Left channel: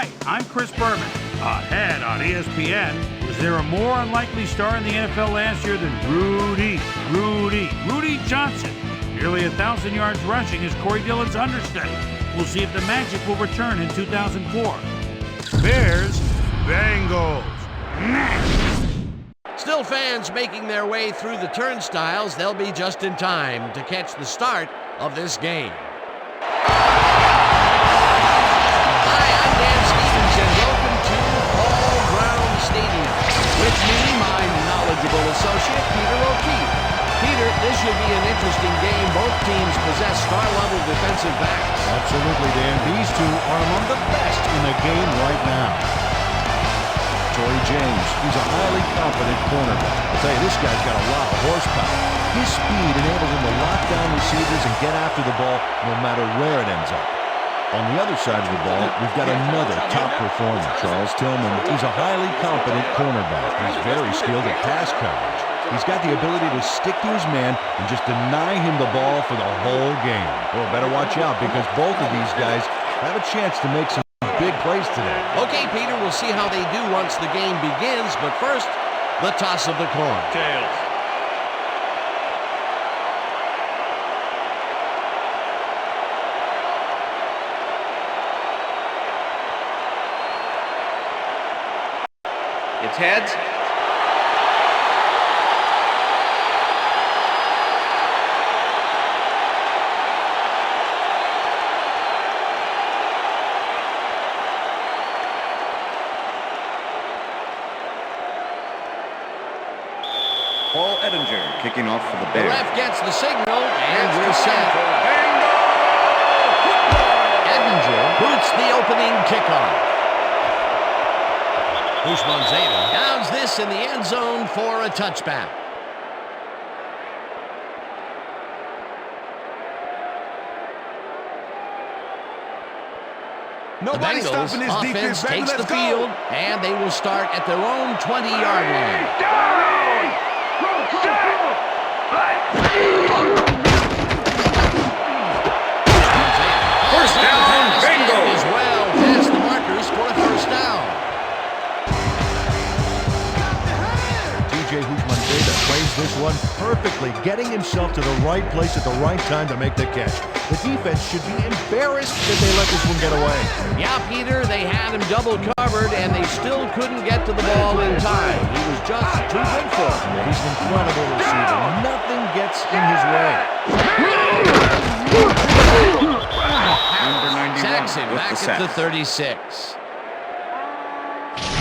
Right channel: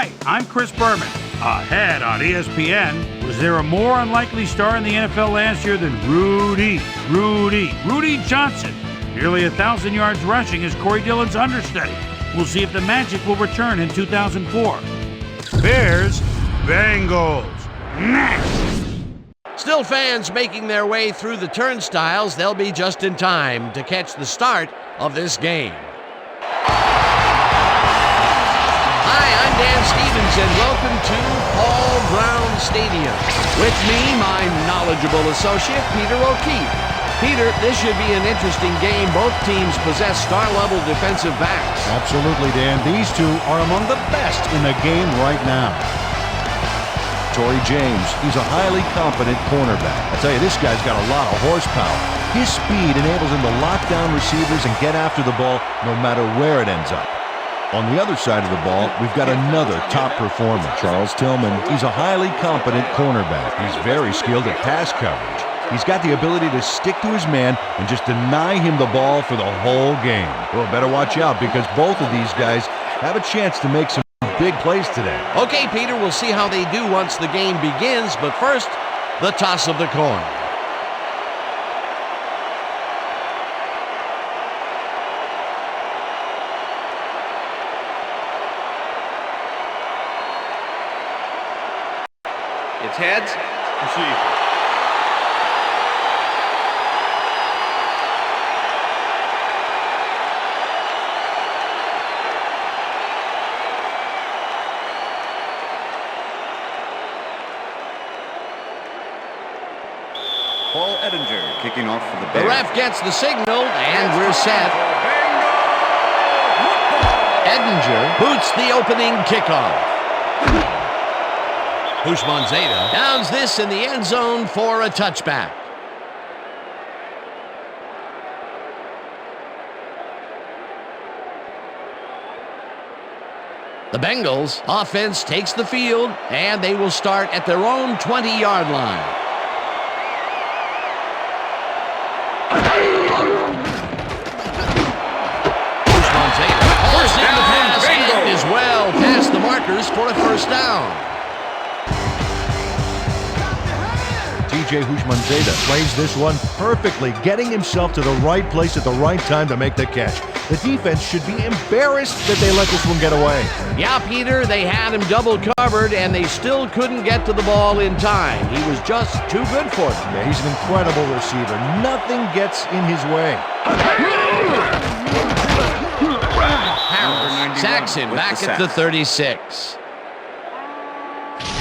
Hi, I'm Chris Berman. Ahead on ESPN, was there a more unlikely star in the NFL last year than Rudy Johnson? Nearly 1,000 yards rushing is Corey Dillon's understudy. We'll see if the magic will return in 2004. Bears, Bengals. Next. Still fans making their way through the turnstiles. They'll be just in time to catch the start of this game. Hi, I'm Dan Stevens, and welcome to Paul Brown Stadium. With me, my knowledgeable associate, Peter O'Keefe. Peter, this should be an interesting game. Both teams possess star-level defensive backs. Absolutely, Dan. These two are among the best in the game right now. Torrey James, he's a highly competent cornerback. I tell you, this guy's got a lot of horsepower. His speed enables him to lock down receivers and get after the ball no matter where it ends up. On the other side of the ball, we've got another top performer, Charles Tillman. He's a highly competent cornerback. He's very skilled at pass coverage. He's got the ability to stick to his man and just deny him the ball for the whole game. Well, better watch out because both of these guys have a chance to make some big plays today. Okay, Peter, we'll see how they do once the game begins, but first, the toss of the coin. It's heads. Paul Edinger kicking off for the Bears. The ref gets the signal, and we're set. Edinger boots the opening kickoff. Houshmandzadeh downs this in the end zone for a touchback. The Bengals offense takes the field, and they will start at their own 20-yard line. Houshmandzadeh first down, pass and is well past the markers for a first down. TJ Houshmandzadeh plays this one perfectly, getting himself to the right place at the right time to make the catch. The defense should be embarrassed that they let this one get away. Yeah, Peter, they had him double covered, and they still couldn't get to the ball in time. He was just too good for them. Yeah, he's an incredible receiver. Nothing gets in his way. Harris sacks him back at the 36.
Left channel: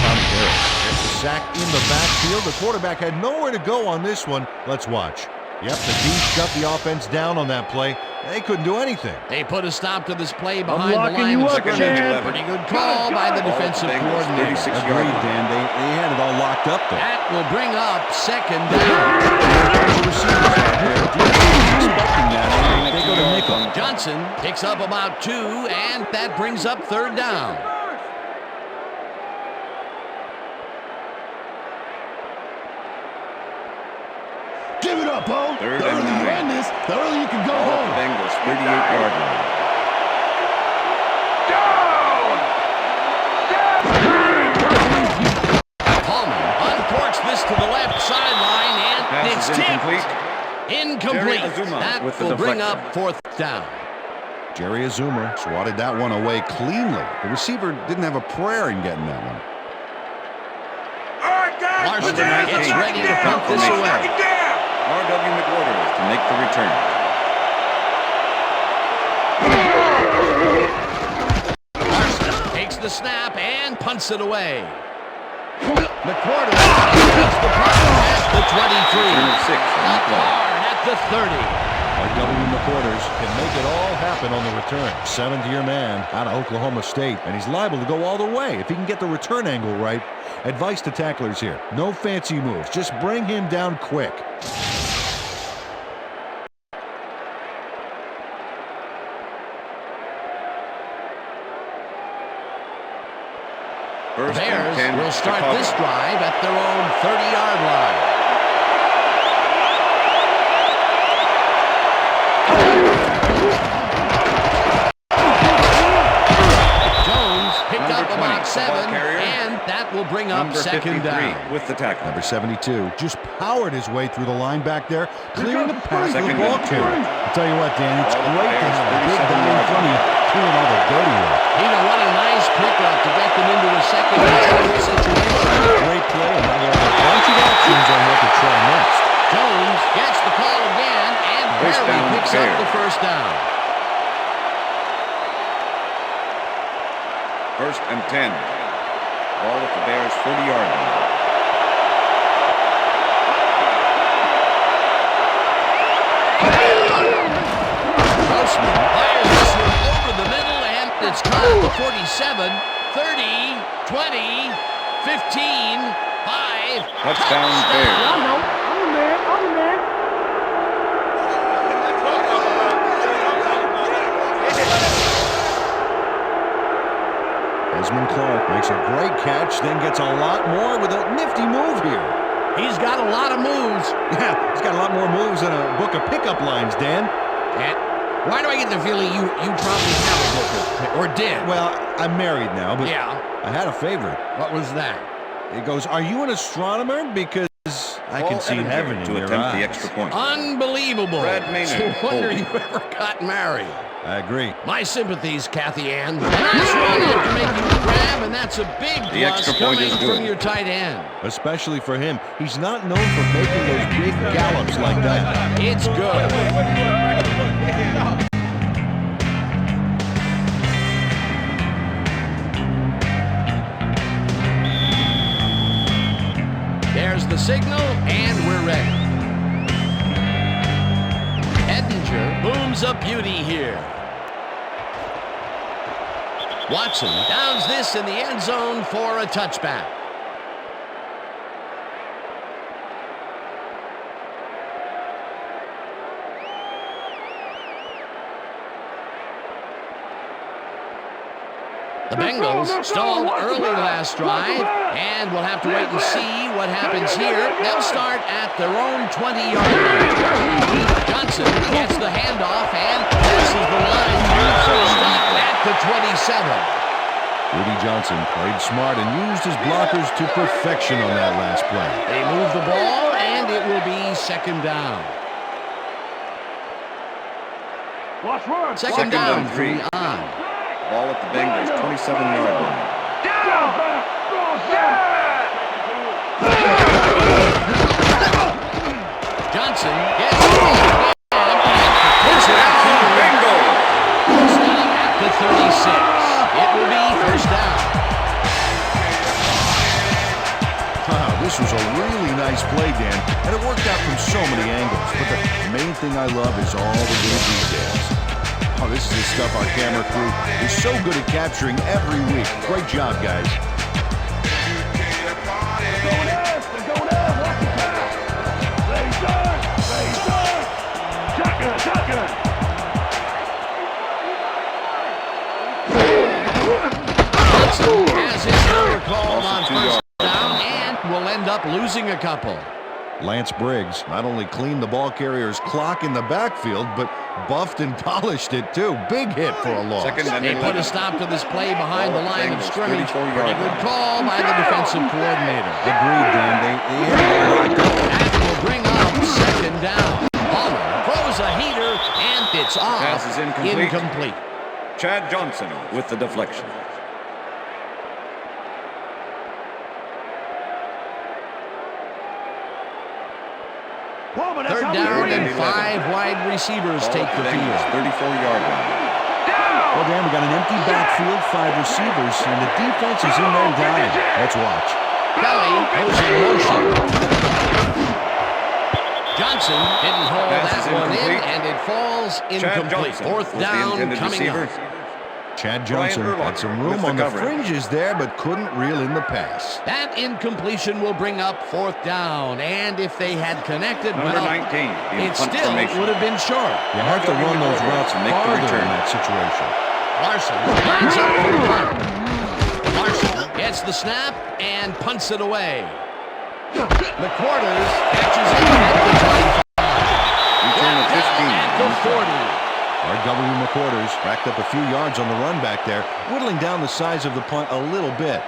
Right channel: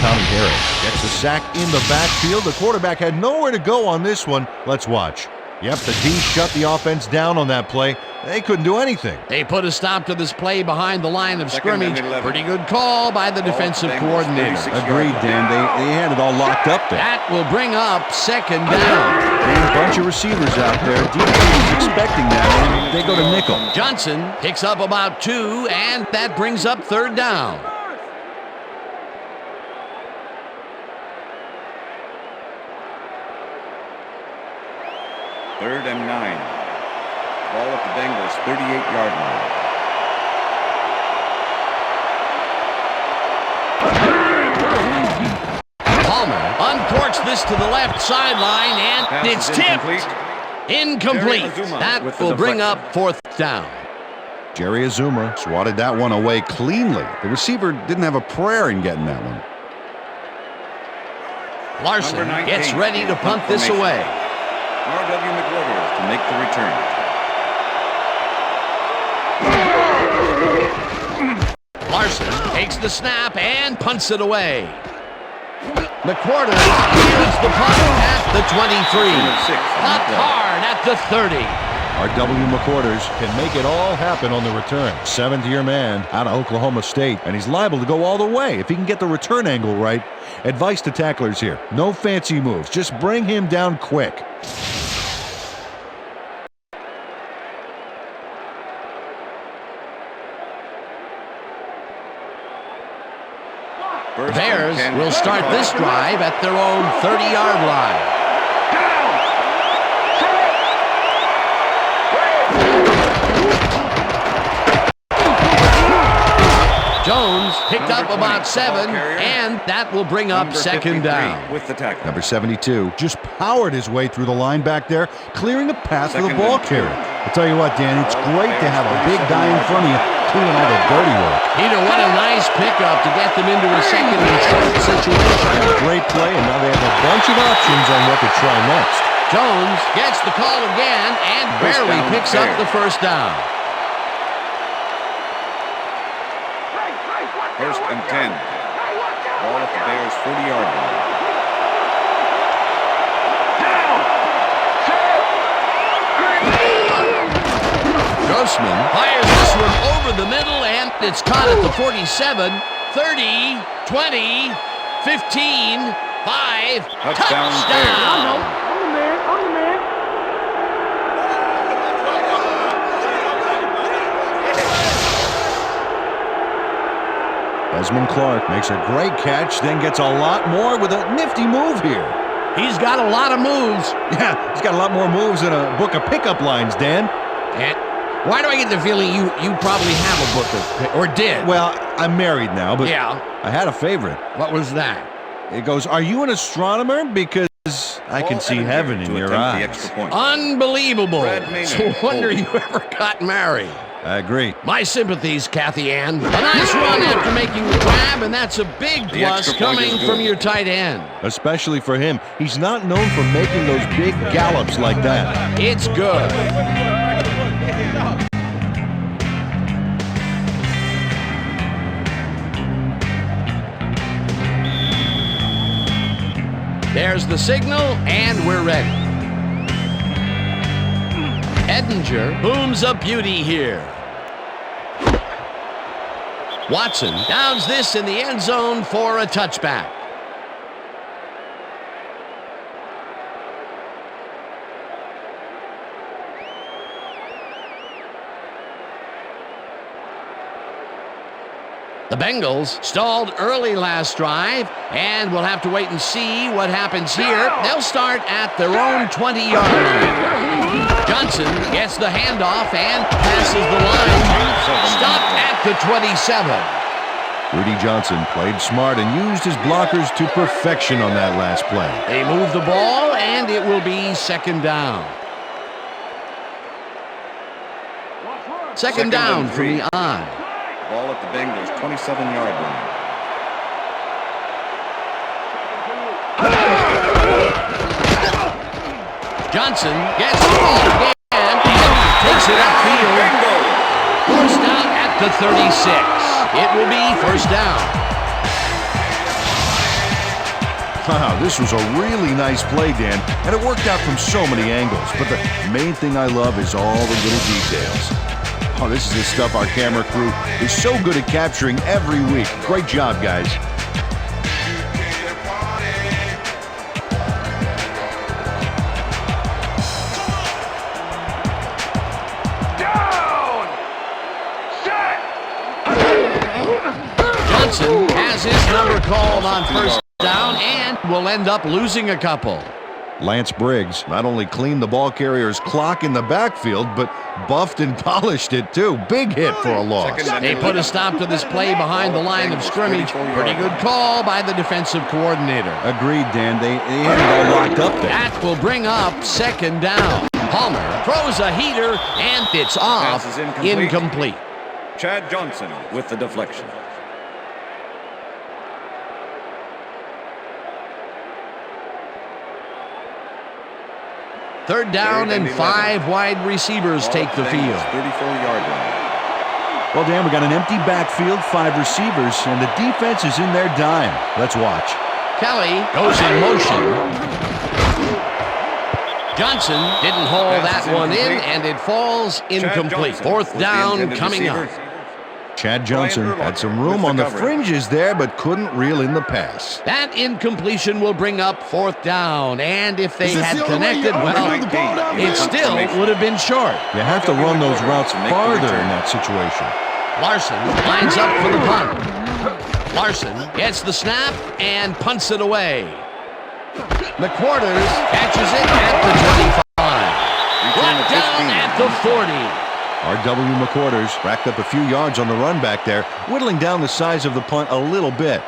Tommy Harris gets a sack in the backfield. The quarterback had nowhere to go on this one. Let's watch. Yep, the D shut the offense down on that play. They couldn't do anything. They put a stop to this play behind the line of scrimmage. Pretty good call by the defensive coordinator. Agreed, Dan. They had it all locked up there. That will bring up second down. A bunch of receivers out there. Defense is expecting that. They go to nickel. Johnson picks up about 2, and that brings up third down. Third and 9. Ball at the Bengals' 38-yard line. Palmer uncorks this to the left sideline, and it's tipped. Incomplete. That will bring up fourth down. Jerry Azuma swatted that one away cleanly. The receiver didn't have a prayer in getting that one. Larson gets ready to punt this away. R.W. McWhorter to make the return. Larson takes the snap and punts it away. McWhorter fields the punt at the 23. Punt hard at the 30. R.W. McWhorters can make it all happen on the return. Seventh-year man out of Oklahoma State, and he's liable to go all the way if he can get the return angle right. Advice to tacklers here. No fancy moves. Just bring him down quick. The Bears will start this drive at their own 30-yard line. Jones picked Number up 20, about the 7, ball carrier. and that will bring up Number second 53 down. with the tackle. Number 72 just powered his way through the line back there, clearing the path for the Second ball and 2. carrier. I'll tell you what, Dan, it's Ball great to Bears, have a big 37 guy in yards. front of you doing all the dirty work. Peter, what a nice pickup to get them into a second and short situation. Yeah, great play, and now they have a bunch of options on what to try next. Jones gets the call again and First barely down, picks up Bears. the first down. First and 10. Ball at the Bears' 40-yard line. Grossman fires this one over the middle, and it's caught at the 47, 30, 20, 15, 5. Touchdown, Bears. I'm the man. Desmond Clark makes a great catch, then gets a lot more with a nifty move here. He's got a lot of moves. Yeah, he's got a lot more moves than a book of pickup lines, Dan. And why do I get the feeling you probably have a book of, or did? Well, I'm married now, but Yeah. I had a favorite. What was that? It goes, "Are you an astronomer? Because I can Ball see Edinger heaven in to your attempt eyes." the extra point. Unbelievable. Brad Maynard, No wonder holding. you ever got married. I agree. My sympathies, Kathy Ann. A nice run after making the grab, and that's a big The plus extra point is coming good. from your tight end. Especially for him. He's not known for making those big gallops like that. It's good. There's the signal, and we're ready. Edinger booms a beauty here. Watson downs this in the end zone for a touchback. The Bengals stalled early last drive, and we'll have to wait and see what happens here. They'll start at their own 20-yard line. Johnson gets the handoff and passes the line. Gain of 7. Stopped at the 27. Rudy Johnson played smart and used his blockers to perfection on that last play. They move the ball, and it will be second down. Second down and from 3. the eye. Ball at the Bengals' 27-yard line. Johnson gets the ball again and takes it upfield. Bingo! Forced out at the 36. It will be first down. Wow, this was a really nice play, Dan, and it worked out from so many angles. But the main thing I love is all the little details. Oh, this is the stuff our camera crew is so good at capturing every week. Great job, guys. Johnson has his number called on Also 2 first yards. down and will end up losing a couple. Lance Briggs not only cleaned the ball carrier's clock in the backfield, but buffed and polished it too. Big hit for a loss. Second and They put a stop to this play behind the line of scrimmage. Pretty good call by the defensive coordinator. Agreed, Dan. They had it all locked up there. That will bring up second down. Palmer throws a heater, and it's off. Pass is incomplete. Incomplete. Chad Johnson with the deflection. Third down and 5 wide receivers Ball take at the Bengals' field. 34-yard line. Well, Dan, we got an empty backfield, 5 receivers, and the defense is in their dime. Let's watch. Kelly goes in motion. Johnson didn't haul Pass that is one in, incomplete. and it falls Chad incomplete. Johnson Fourth was the down intended coming receiver. up. Chad Johnson Brian had some Urlacher room with the on the coverage. fringes there, but couldn't reel in the pass. That incompletion will bring up fourth down, and if they had connected, Number well, 19 in it punt still formation. would have been short. You have to Mark up run in the those quarter routes to make the farther return. in that situation. Larson lines up for the punt. Larson gets the snap and punts it away. McQuarters catches it at the 25. Return of Brought down 15. at the 40. R.W. McQuarters racked up a few yards on the run back there, whittling down the size of the punt a little bit.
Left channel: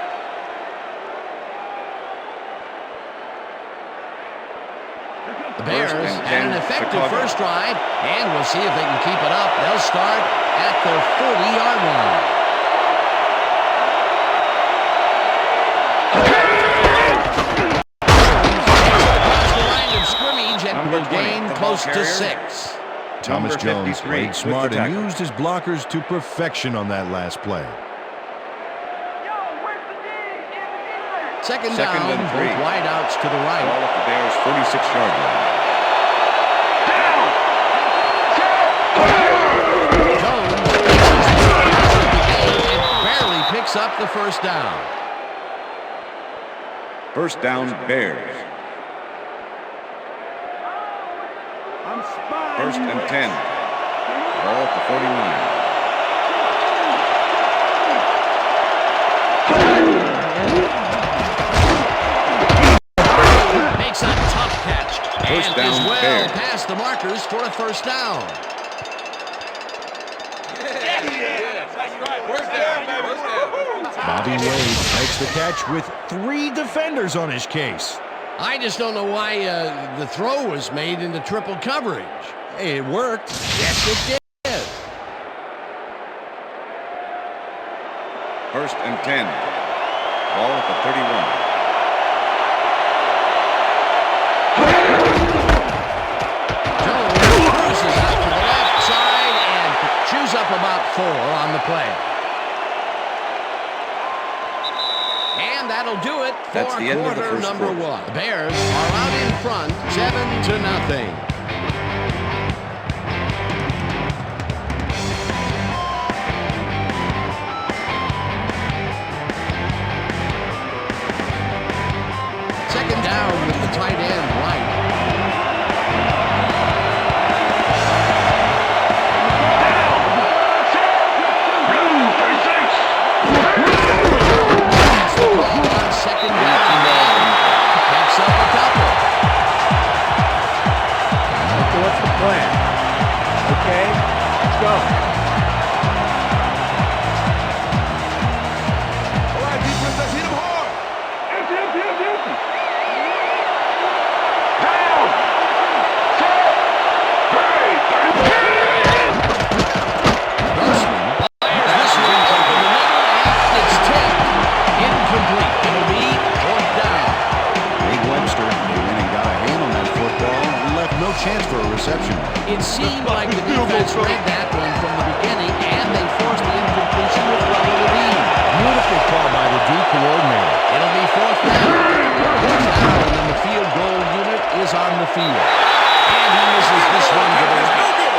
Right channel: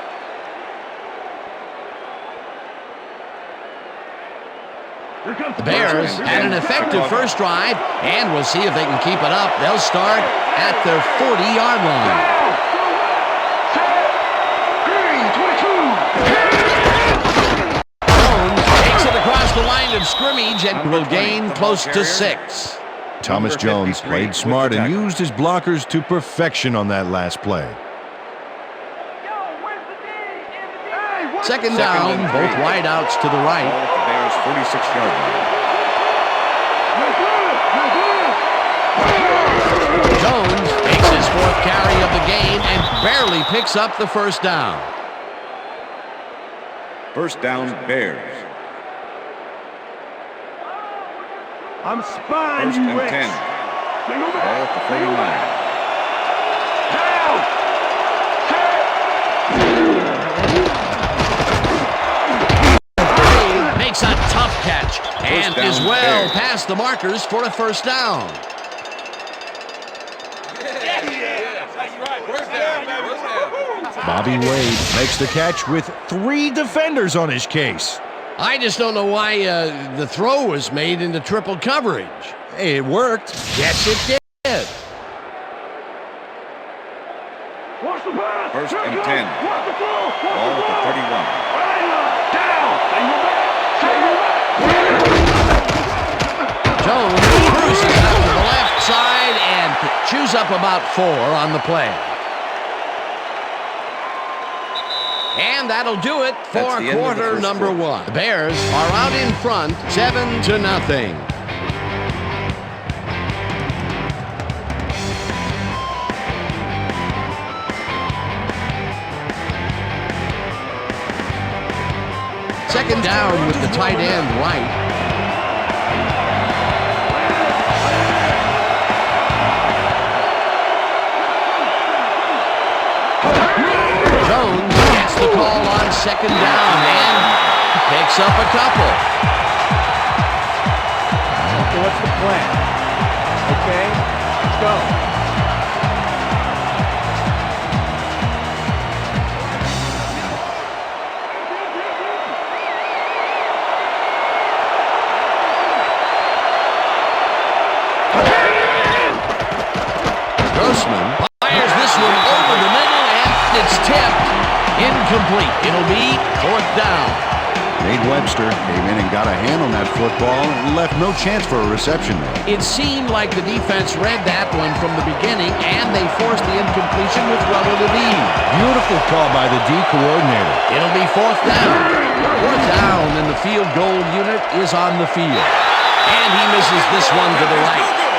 The Bears had an effective first drive, and we'll see if they can keep it up. They'll start at their 40-yard line. Jones takes it across the line of scrimmage and will gain close to 6. Thomas Jones played smart and used his blockers to perfection on that last play. Second down, both wideouts to the right. Ball at the Bears' 46-yard line. Jones takes his 4th carry of the game and barely picks up the first down. First down, Bears. I'm spying. First and 10. Ball at the 49. Makes a tough catch and is well past the markers for a first down. Bobby Wade makes the catch with 3 defenders on his case. I just don't know why the throw was made into triple coverage. Hey, it worked. Yes, it did. First and 10. Ball at the 31. Jones cruises out to the left side and chews up about 4 on the play. And that'll do it for quarter number 1. The Bears are out in front, 7-0. Second down with the tight end right. The call on second down and picks up a couple. Okay, what's the plan? Okay, let's go. All right, defense, let's hit him hard. Empty. Grossman fires this one over the middle and it's tipped. Incomplete. It'll be 4th down. Nate Webster came in and got a hand on that football and left no chance for a reception there. It seemed like the defense read that one from the beginning, and they forced the incompletion with relative ease. Beautiful call by the D coordinator. It'll be 4th down. 4th down, and the field goal unit is on the field. And he misses this one to the right.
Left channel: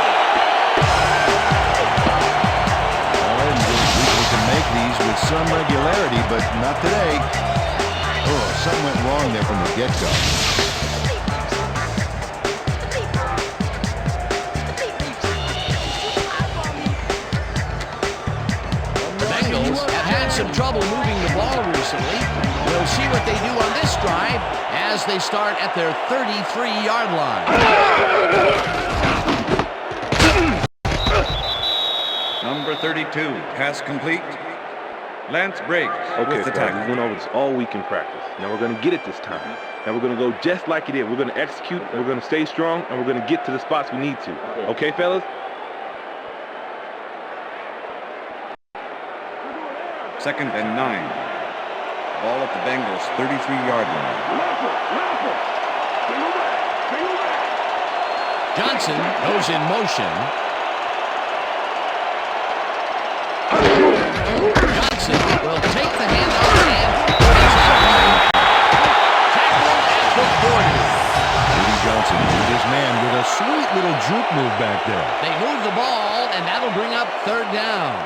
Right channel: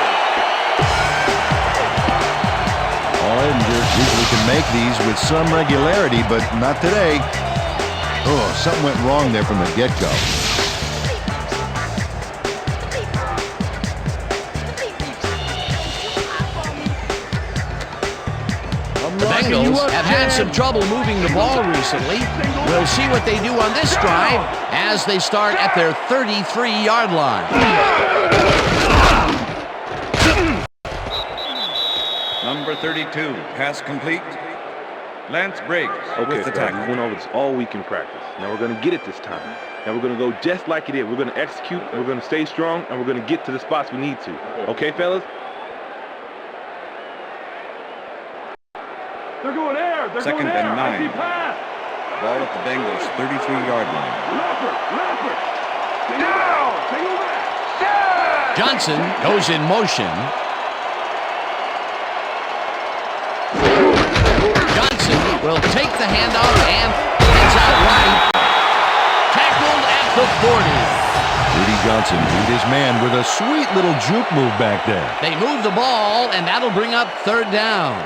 Usually can make these with some regularity, but not today. Oh, something went wrong there from the get-go. The Bengals have had some trouble moving the ball recently. We'll see what they do on this drive as they start at their 33-yard line. Number 32, pass complete. Lance Briggs with the tackle. We went over this all week in practice. Now we're going to get it this time. Now we're going to go just like it is. We're going to execute, we're going to stay strong, and we're going to get to the spots we need to. Okay, fellas? They're going air. Second and 9. Ball at the Bengals' 33-yard line. Leopard. Single back. Johnson goes in motion. Johnson will take the handout and heads out right. Tackled at the 40. Rudy Johnson beat his man with a sweet little juke move back there. They move the ball, and that'll bring up 3rd down.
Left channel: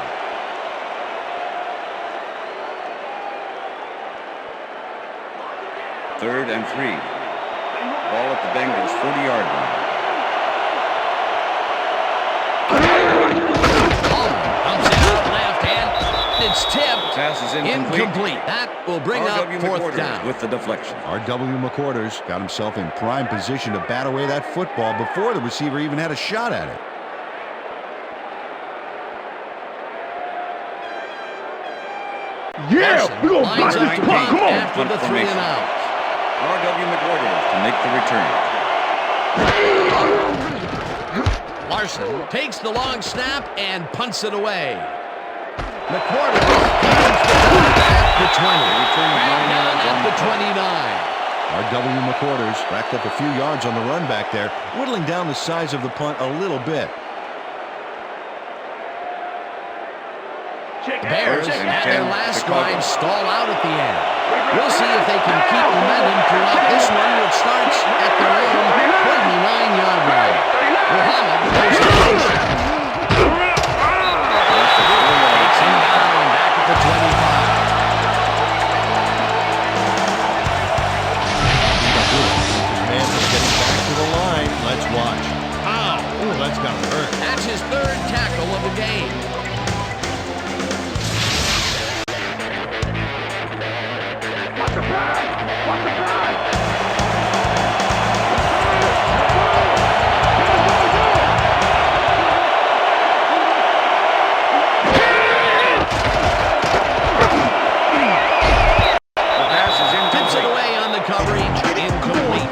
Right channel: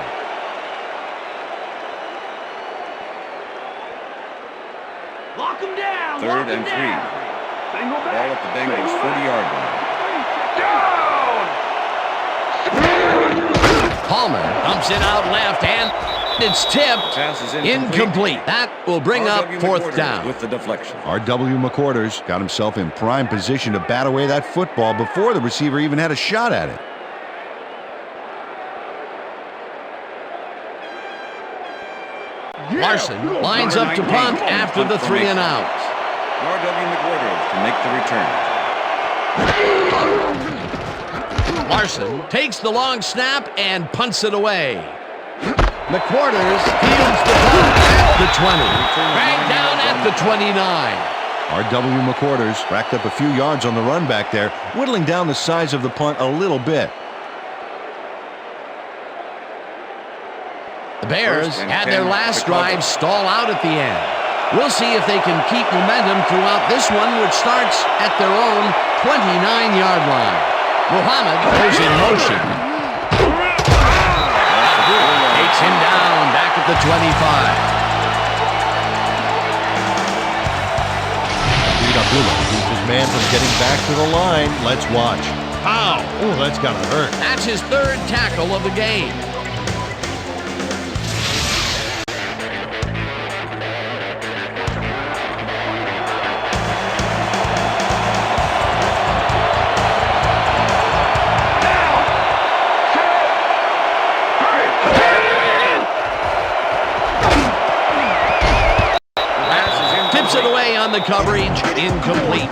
Lock them down. 3rd and 3. Ball at the Bengals' 40-yard line. Palmer comes in out left, and it's tipped. Pass is incomplete. That will bring up 4th down. With the deflection. R.W. McQuarters got himself in prime position to bat away that football before the receiver even had a shot at it. Larson lines up to punt after the 3 and out. R.W. McWhorters to make the return. Larson takes the long snap and punts it away. McWhorters fields the punt at the 20. Back down at the 29. R.W. McWhorters racked up a few yards on the run back there, whittling down the size of the punt a little bit. The Bears had their last drive stall out at the end. We'll see if they can keep momentum throughout this one, which starts at their own 29-yard line. Muhammad goes in motion. Takes him down back at the 25. Abdullah keeps his man from getting back to the line. Let's watch. Ow! Oh, that's gotta hurt. That's his 3rd tackle of the game. Tips it away on the coverage, incomplete.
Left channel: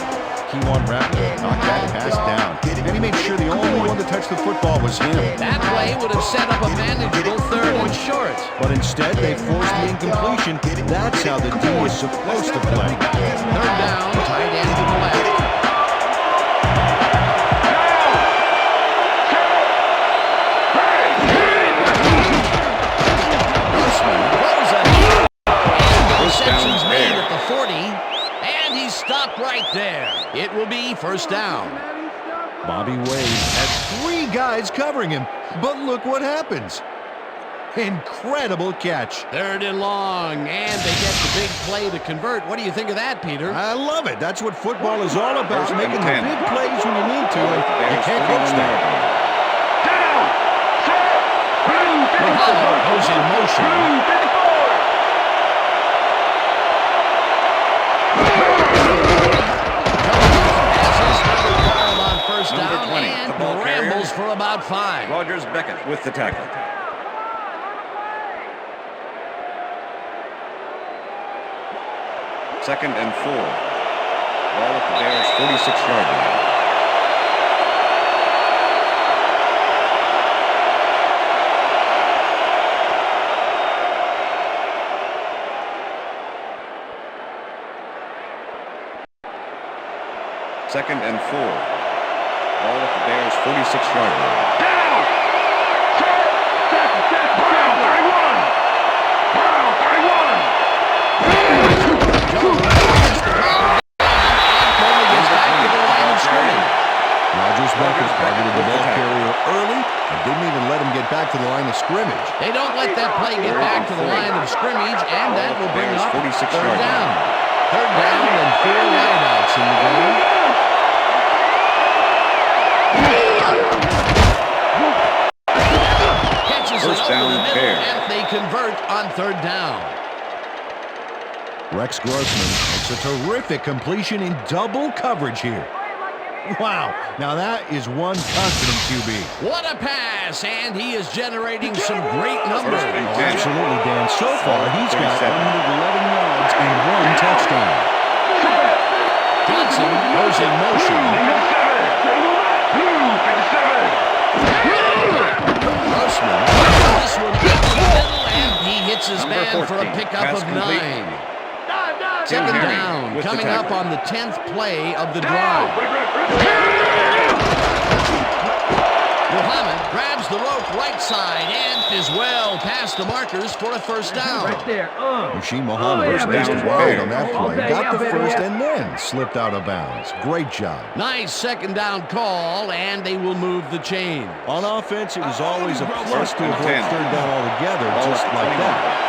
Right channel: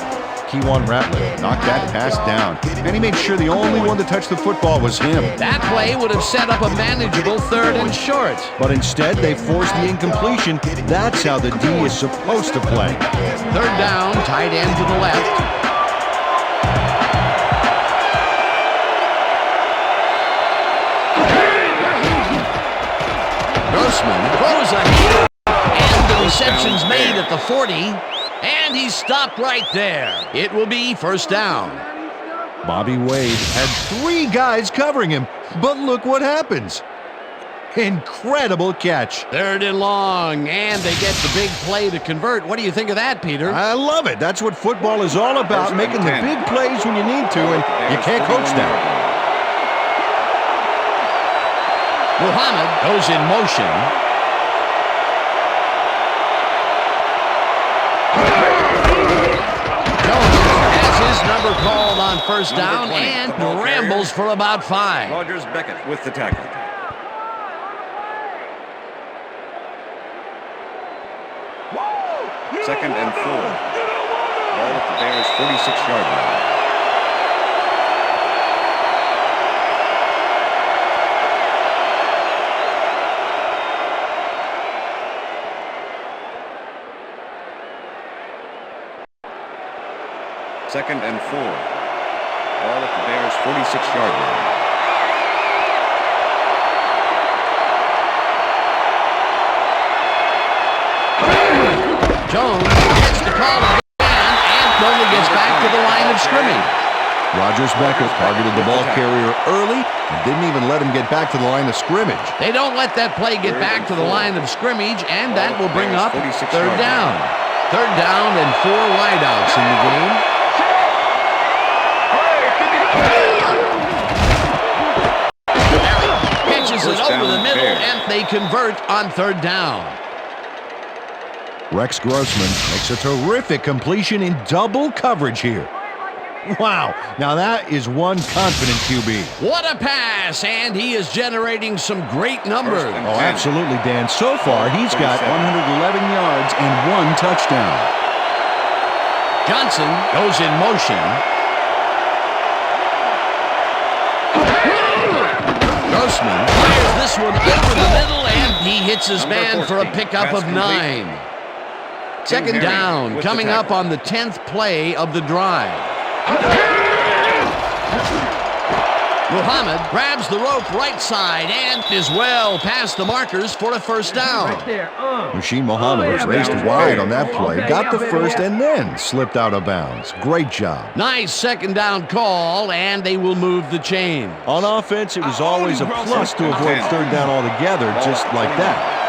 Keywan Rattler knocked that pass down, and he made sure the only one to touch the football was him. That play would have set up a manageable 3rd and short. But instead, they forced the incompletion. That's how the D is supposed to play. 3rd down, tight end to the left. Grossman throws ahead, and the reception's made at the 40, and he's stopped right there. It will be 1st down. Bobby Wade had 3 guys covering him, but look what happens. Incredible catch. 3rd and long, and they get the big play to convert. What do you think of that, Peter? I love it. That's what football is all about, making the big plays when you need to, and you can't coach that. Muhammad goes in motion. Jones has his number called on 1st down 20, and carrier, rambles for about 5. Rogers Beckett with the tackle. Second and 4. Ball at the Bears' 46-yard line. Second and 4. Ball at the Bears' 46-yard line. Jones gets the call again and only gets back to the line of scrimmage. Rogers Beckett targeted the ball carrier early and didn't even let him get back to the line of scrimmage. They don't let that play get back to the line of scrimmage, and that will bring up 3rd down. 3rd down and 4 wideouts in the game. Catches it over the middle, and they convert on 3rd down. Rex Grossman makes a terrific completion in double coverage here. Wow, now that is one confident QB. What a pass, and he is generating some great numbers. Oh, absolutely, Dan. So far, he's got 111 yards and 1 touchdown. Johnson goes in motion. Grossman fires this one over the middle, and he hits his man for a pickup of 9. 2nd down, coming up on the 10th play of the drive. Muhammad grabs the rope right side and is well past the markers for a 1st down. Right there. Machine Muhammad was raced wide on that play, got the first, and then slipped out of bounds. Great job. Nice 2nd down call, and they will move the chain. On offense, it was always a plus to avoid 3rd down altogether, just like that.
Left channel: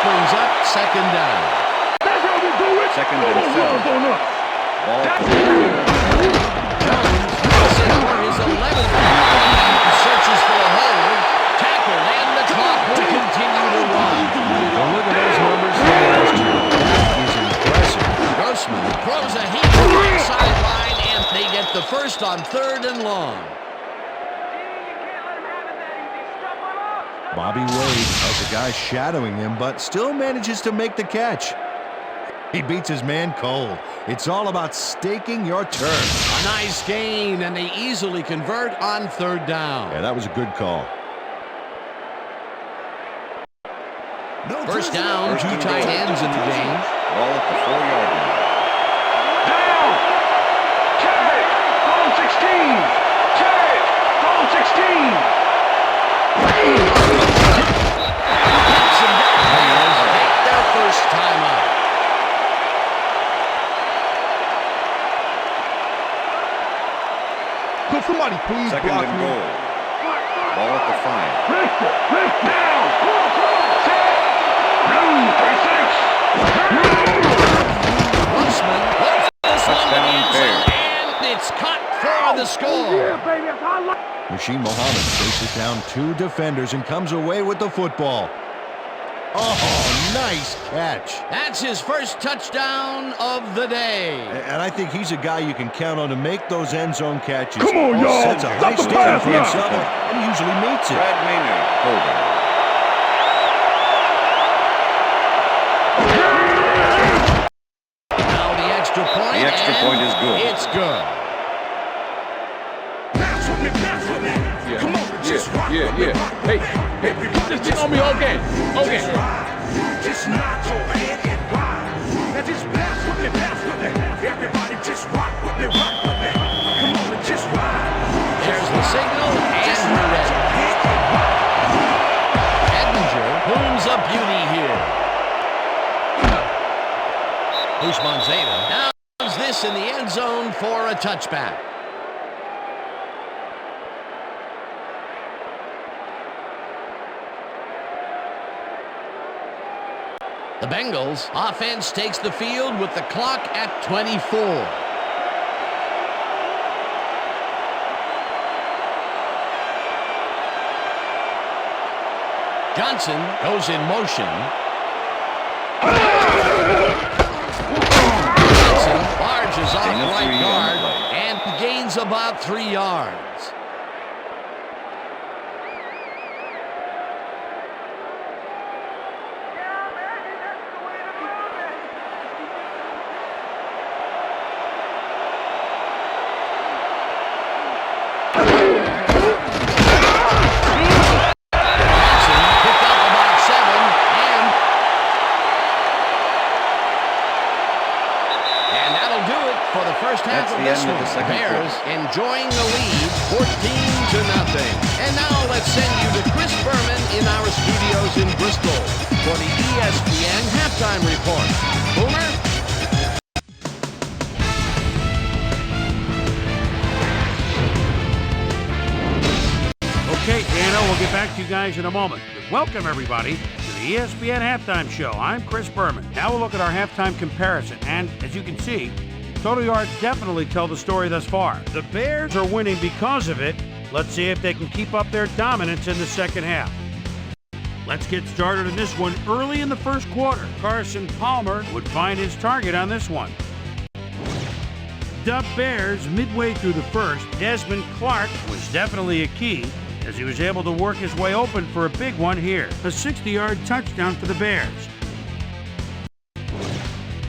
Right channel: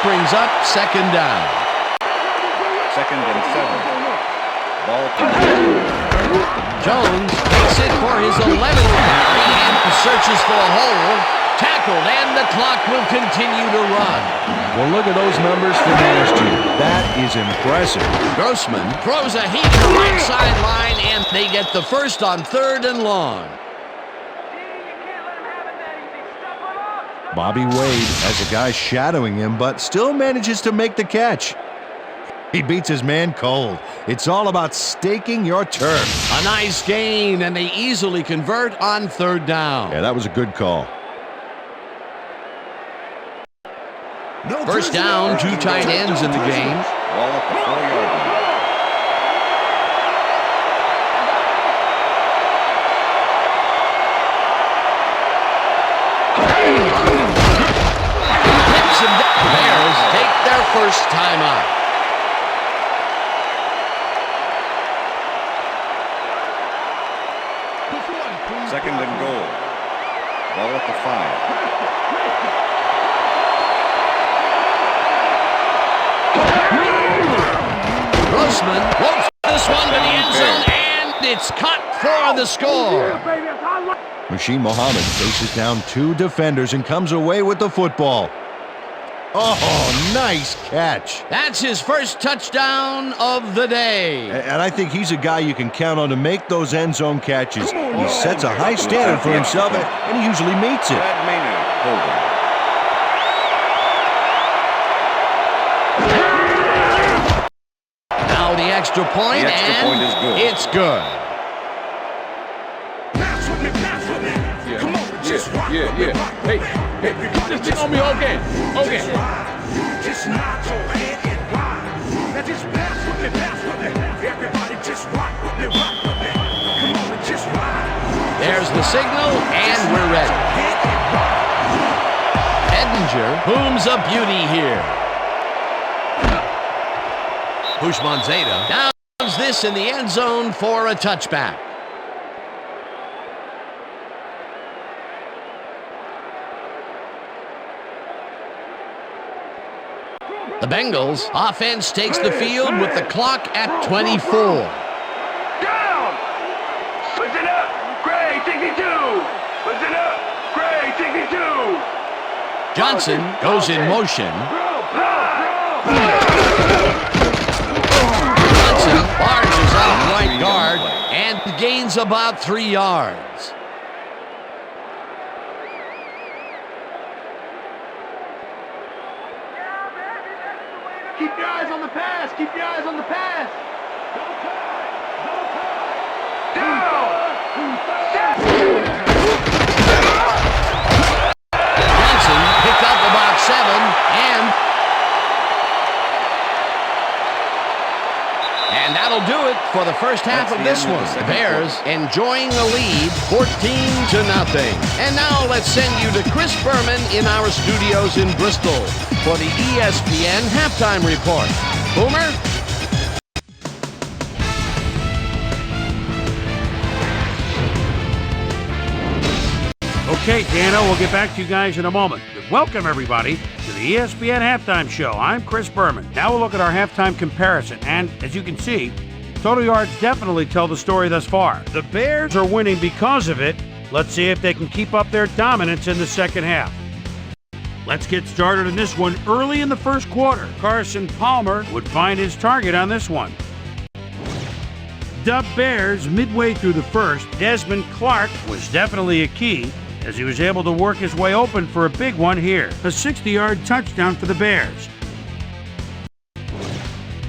Brings up 2nd down. 2nd and 7. Ball to Jones makes it for his 11th carry and searches for a hole. Tackle tackled, and the clock will continue to run. Well, look at those numbers from last year. That is impressive. Grossman throws a heater right sideline, and they get the first on 3rd and long. Bobby Wade has a guy shadowing him, but still manages to make the catch. He beats his man cold. It's all about staking your turf. A nice gain, and they easily convert on 3rd down. Yeah, that was a good call. First down, 2 tight ends in the game. Ball at the 4-yard line. Hits him down. Bears take their first time out. Could somebody please Second block and me? goal. Ball at the 5. Grossman looks this one to the end zone, and it's caught for the score. Machine Muhammad faces down 2 defenders and comes away with the football. Oh, nice catch. That's his first touchdown of the day. And I think he's a guy you can count on to make those end zone catches. Come on, He y'all. sets a high standard for himself, and he usually meets it. Brad Maynard holding. Now the extra point, The extra and point is good. It's good. Yeah. Hey, just get on me, okay. Just nod your head and ride. Now just pass with me. Everybody just rock with me. Come on and just ride. There's the signal, and we're ready. Head and ride. Edinger booms a beauty here. Bushman Zeta downs this in the end zone for a touchback. The Bengals offense takes the field with the clock at 24. Down. Listen up. Gray, Diggy, do. Listen up. Gray, Diggy, do. Johnson goes in motion. Johnson barges off right guard and gains about 3 yards. Keep your eyes on the pass. Keep your eyes on the pass. Johnson picked up about 7, and that'll do it for the first half That's of the this end of one. the second Bears enjoying the lead, 14-0. And now let's send you to Chris Berman in our studios in Bristol for the ESPN halftime report. Boomer? Okay, Dano, we'll get back to you guys in a moment. But welcome, everybody, to the ESPN Halftime Show. I'm Chris Berman. Now we'll look at our halftime comparison, and as you can see, total yards definitely tell the story thus far. The Bears are winning because of it. Let's see if they can keep up their dominance in the second half. Let's get started in this one early in the first quarter. Carson Palmer would find his target on this one. The Bears midway through the first. Desmond Clark was definitely a key as he was able to work his way open for a big one here. A 60-yard touchdown for the Bears.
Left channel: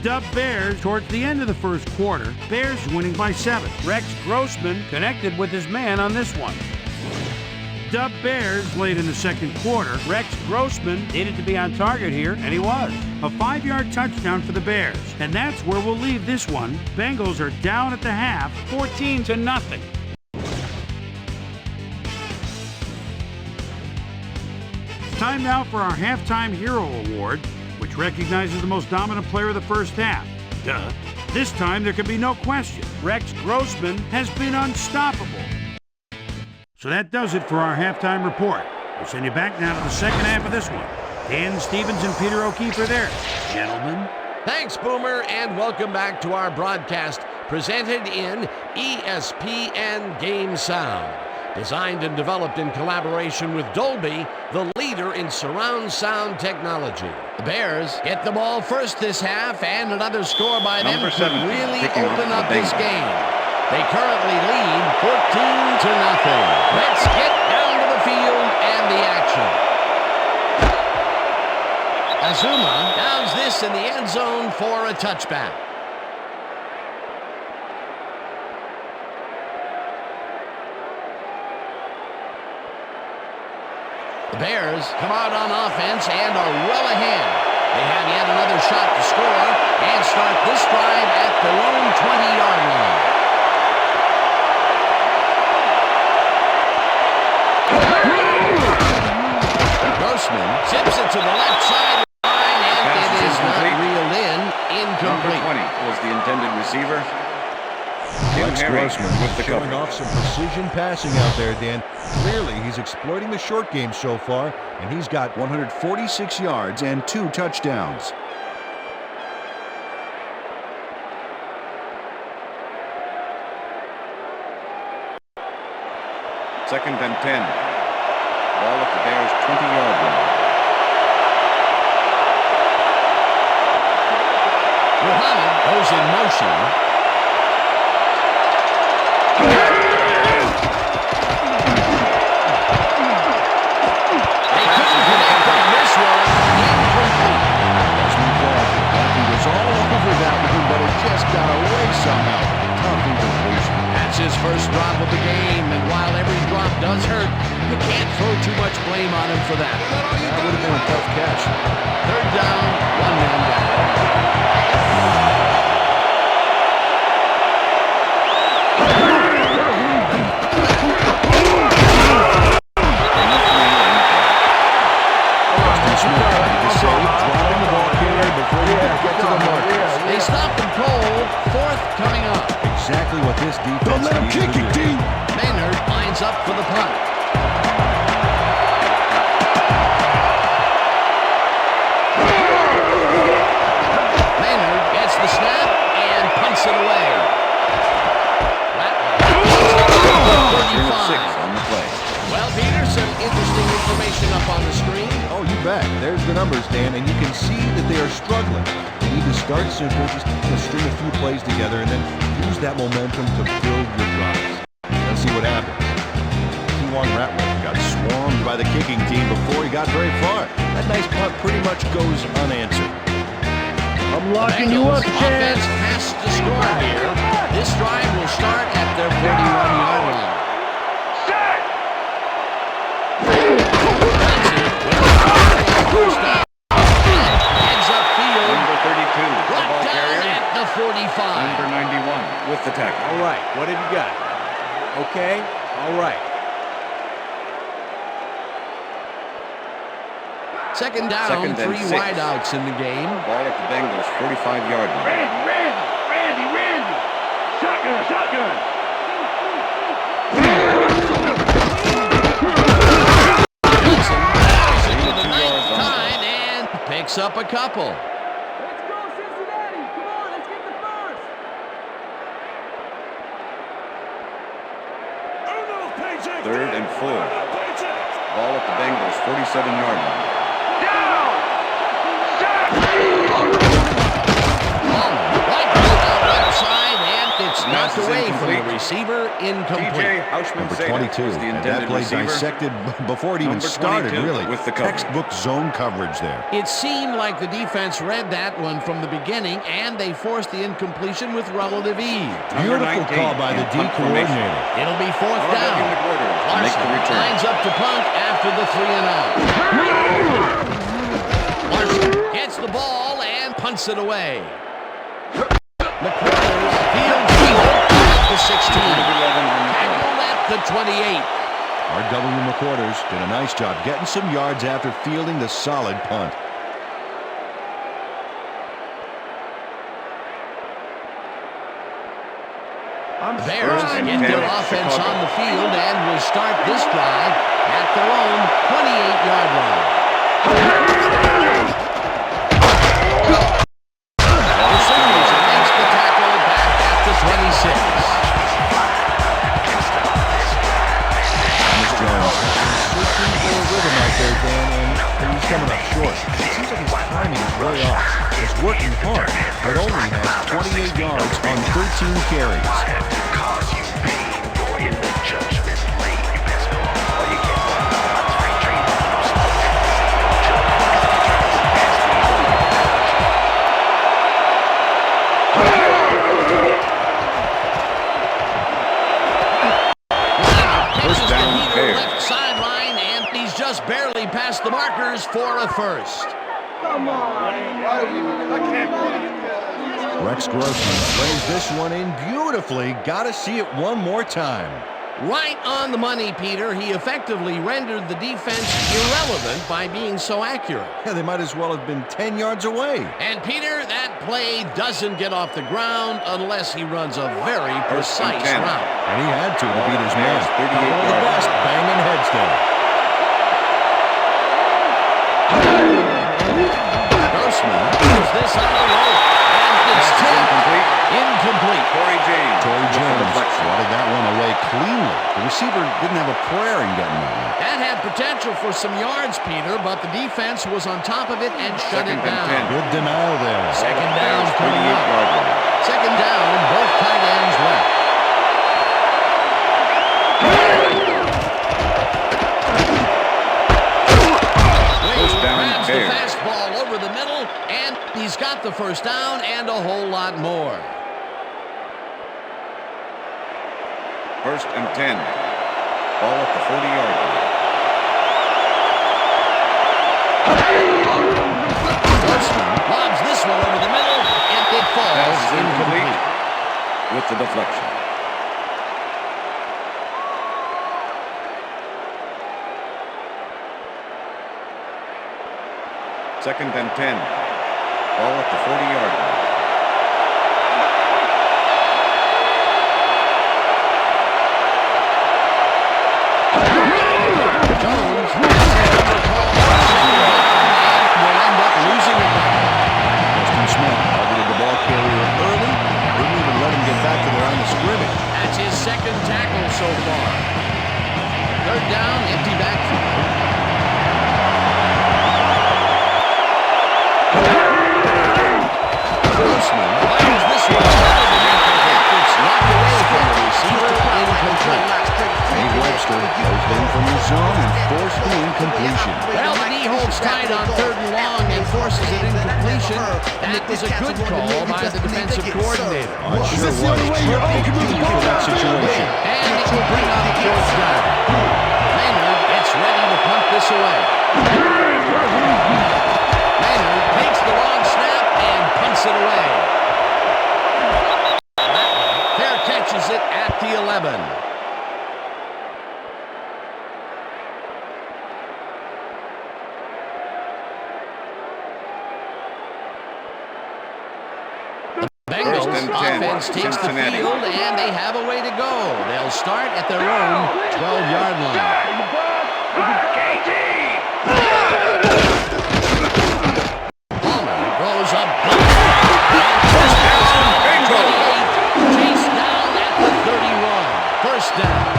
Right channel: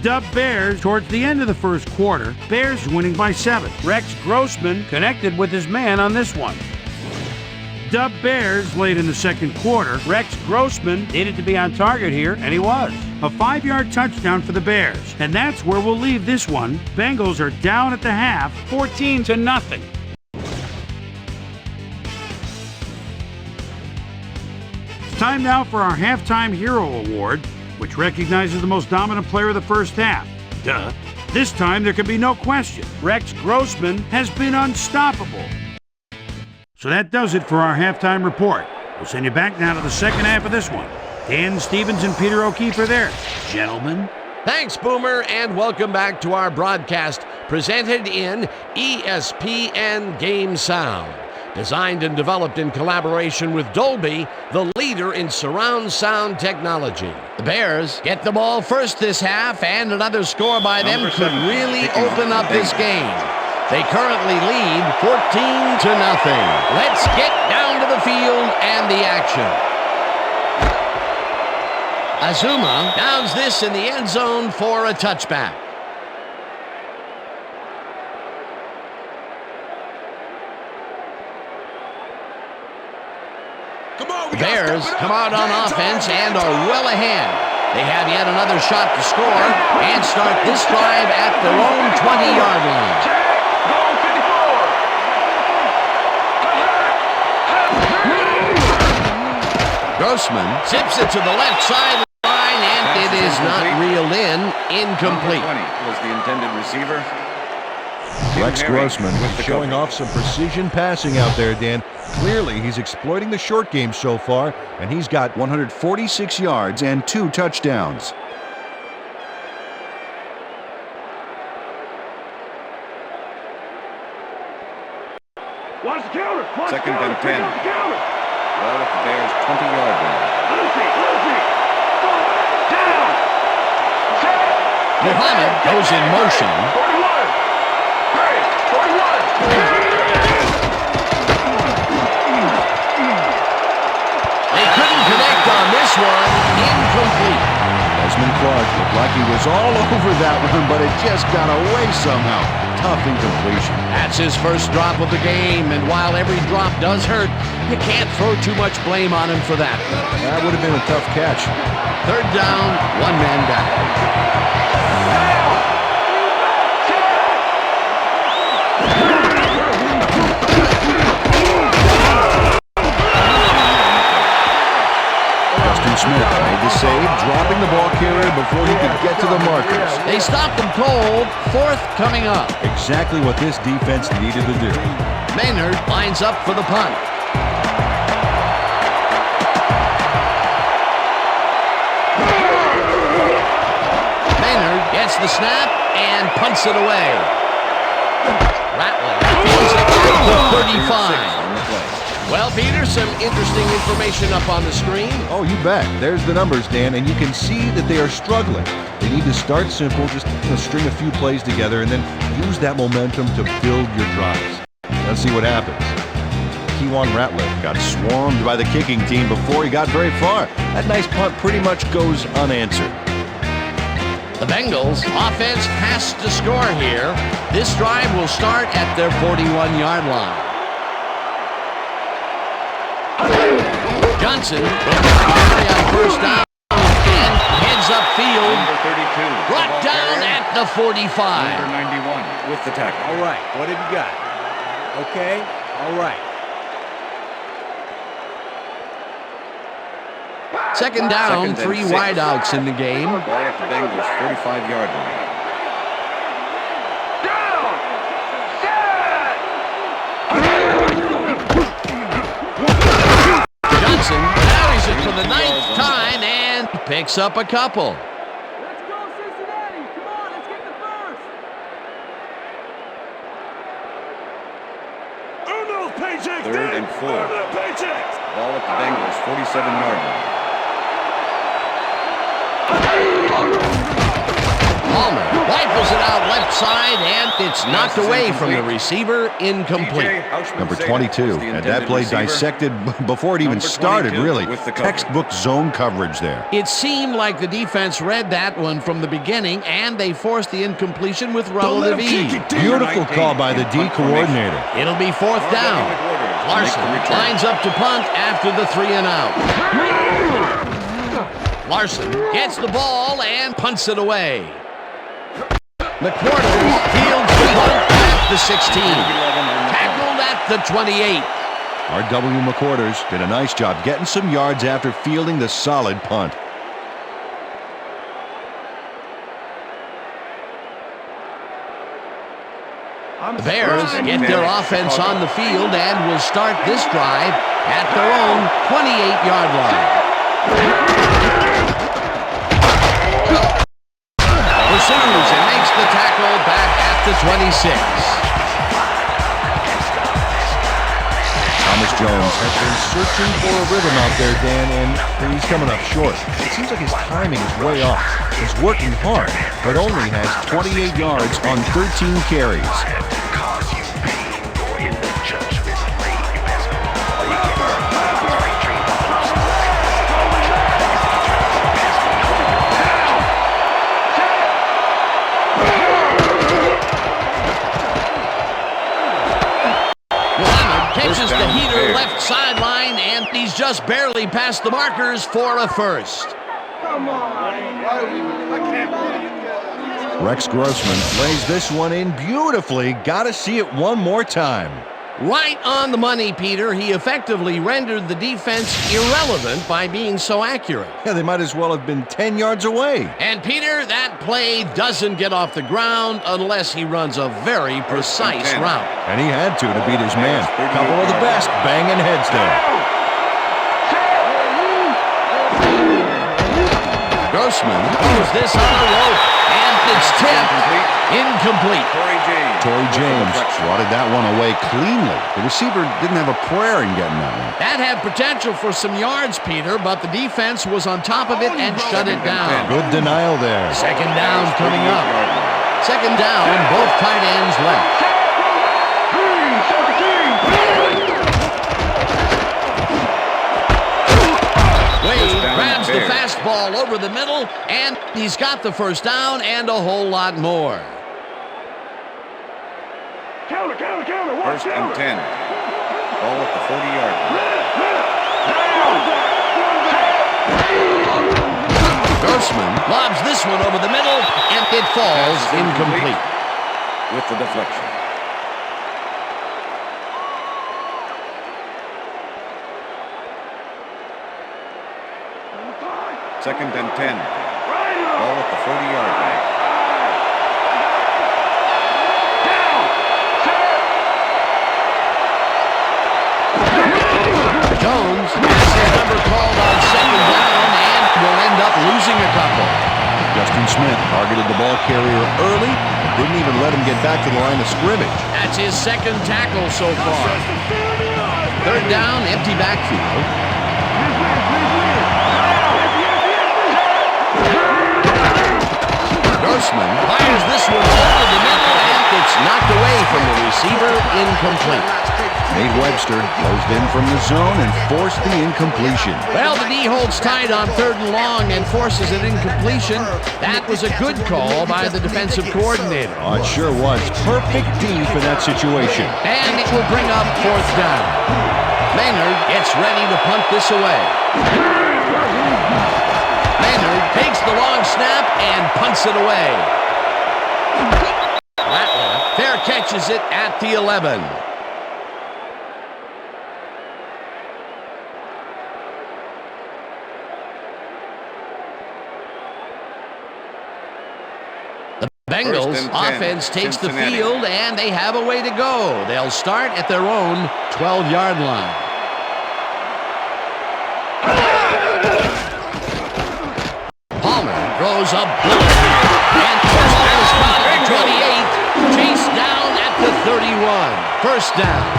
The Bears towards the end of the first quarter. Bears winning by 7. Rex Grossman connected with his man on this one. The Bears late in the second quarter. Rex Grossman needed to be on target here, and he was. A 5-yard touchdown for the Bears. And that's where we'll leave this one. Bengals are down at the half, 14-0. Time now for our Halftime Hero Award, which recognizes the most dominant player of the first half. Duh. This time there can be no question. Rex Grossman has been unstoppable. So that does it for our halftime report. We'll send you back now to the second half of this one. Dan Stevens and Peter O'Keefe are there. Gentlemen. Thanks, Boomer, and welcome back to our broadcast presented in ESPN Game Sound. Designed and developed in collaboration with Dolby, the leader in surround sound technology. The Bears get the ball first this half, and another score by them could really open up this game. They currently lead 14-0. Let's get down to the field and the action. Azuma downs this in the end zone for a touchback. The Bears come out on offense and are well ahead. They have yet another shot to score and start this drive at their own 20-yard line. Grossman zips it to the left sideline, and it is not reeled in. Incomplete. Number 20 was the intended receiver. Rex Grossman showing off some precision passing out there, Dan. Clearly, he's exploiting the short game so far, and he's got 146 yards and 2 touchdowns. Second and 10. Ball at the Bears' 20-yard line. Muhammad goes in motion. They couldn't connect on this one. Incomplete. Desmond Clark looked like he was all over that one, but it just got away somehow. Tough incompletion. That's his first drop of the game, and while every drop does hurt, you can't throw too much blame on him for that. That would have been a tough catch. Third down, one man back. Smith made the save, dropping the ball carrier before he could get to the markers. They stopped him cold. Fourth coming up. Exactly what this defense needed to do. Maynard lines up for the punt. Maynard gets the snap and punts it away. Rattler fields it at the 35. On the play. Well, Peter, some interesting information up on the screen. Oh, you bet. There's the numbers, Dan, and you can see that they are struggling. They need to start simple, just string a few plays together, and then use that momentum to build your drives. Let's see what happens. Kewan Rattler got swarmed by the kicking team before he got very far. That nice punt pretty much goes unanswered. The Bengals offense has to score here. This drive will start at their 41-yard line. Johnson will carry on first down and heads upfield. Number 32. Brought down at the 45. Number 91 with the tackle. All right, what have you got? Okay, all right. Second down, 3 wideouts in the game. Ball at the Bengals' 45-yard line. Johnson carries it for the 9th time and picks up a couple. Let's go, Cincinnati! Come on, let's get the first! Third and 4. Ball at the Bengals' 47-yard line. Palmer rifles it out left side, and it's knocked away from the receiver. Incomplete. Number 22, and that play dissected before it even started, really. Textbook zone coverage there. It seemed like the defense read that one from the beginning, and they forced the incompletion with relative ease. Beautiful call by the D coordinator. It'll be fourth down. Larson lines up to punt after the 3 and out. Larson gets the ball and punts it away. McQuarters fields the punt at the 16. Tackled at the 28. R.W. McQuarters did a nice job getting some yards after fielding the solid punt. The Bears get their offense on the field and will start this drive at their own 28-yard line. Pursues and makes the tackle back at the 26. Thomas Jones has been searching for a rhythm out there, Dan, and he's coming up short. It seems like his timing is way off. He's working hard, but only has 28 yards on 13 carries. Pitches the heater left sideline, and he's just barely past the markers for a first. Come on. I can't believe Rex Grossman lays this one in beautifully. Got to see it one more time. Right on the money, Peter. He effectively rendered the defense irrelevant by being so accurate. Yeah, they might as well have been 10 yards away. And Peter, that play doesn't get off the ground unless he runs a very precise route. And he had to beat his man. Couple of the best banging heads there. Grossman moves this on a rope, and it's tipped. Incomplete. Tory James swatted that one away cleanly. The receiver didn't have a prayer in getting that one. That had potential for some yards, Peter, but the defense was on top of it and shut it down. Good denial there. Second down coming up. Second down, both tight ends left. Wade grabs the fastball over the middle, and he's got the first down and a whole lot more. First and 10. Ball at the 40-yard line. Grossman lobs this one over the middle, and it falls incomplete. With the deflection. Second and 10. Ball at the 40-yard line. Jones has his number called on second down and will end up losing a couple. Justin Smith targeted the ball carrier early, didn't even let him get back to the line of scrimmage. That's his second tackle so far. Third down, empty backfield. Grossman fires this one over the middle, and it's knocked away from the receiver, incomplete. Nate Webster closed in from the zone and forced the incompletion. Well, the D holds tight on third and long and forces an incompletion. That was a good call by the defensive coordinator. Oh, it sure was. Perfect D for that situation. And it will bring up fourth down. Maynard gets ready to punt this away. Maynard takes the long snap and punts it away. Ratliff fair catches it at the 11. The Bengals offense takes the field, and they have a way to go. They'll start at their own 12-yard line. Palmer throws a bullet and first down at the 28, chased down at the 31. First down.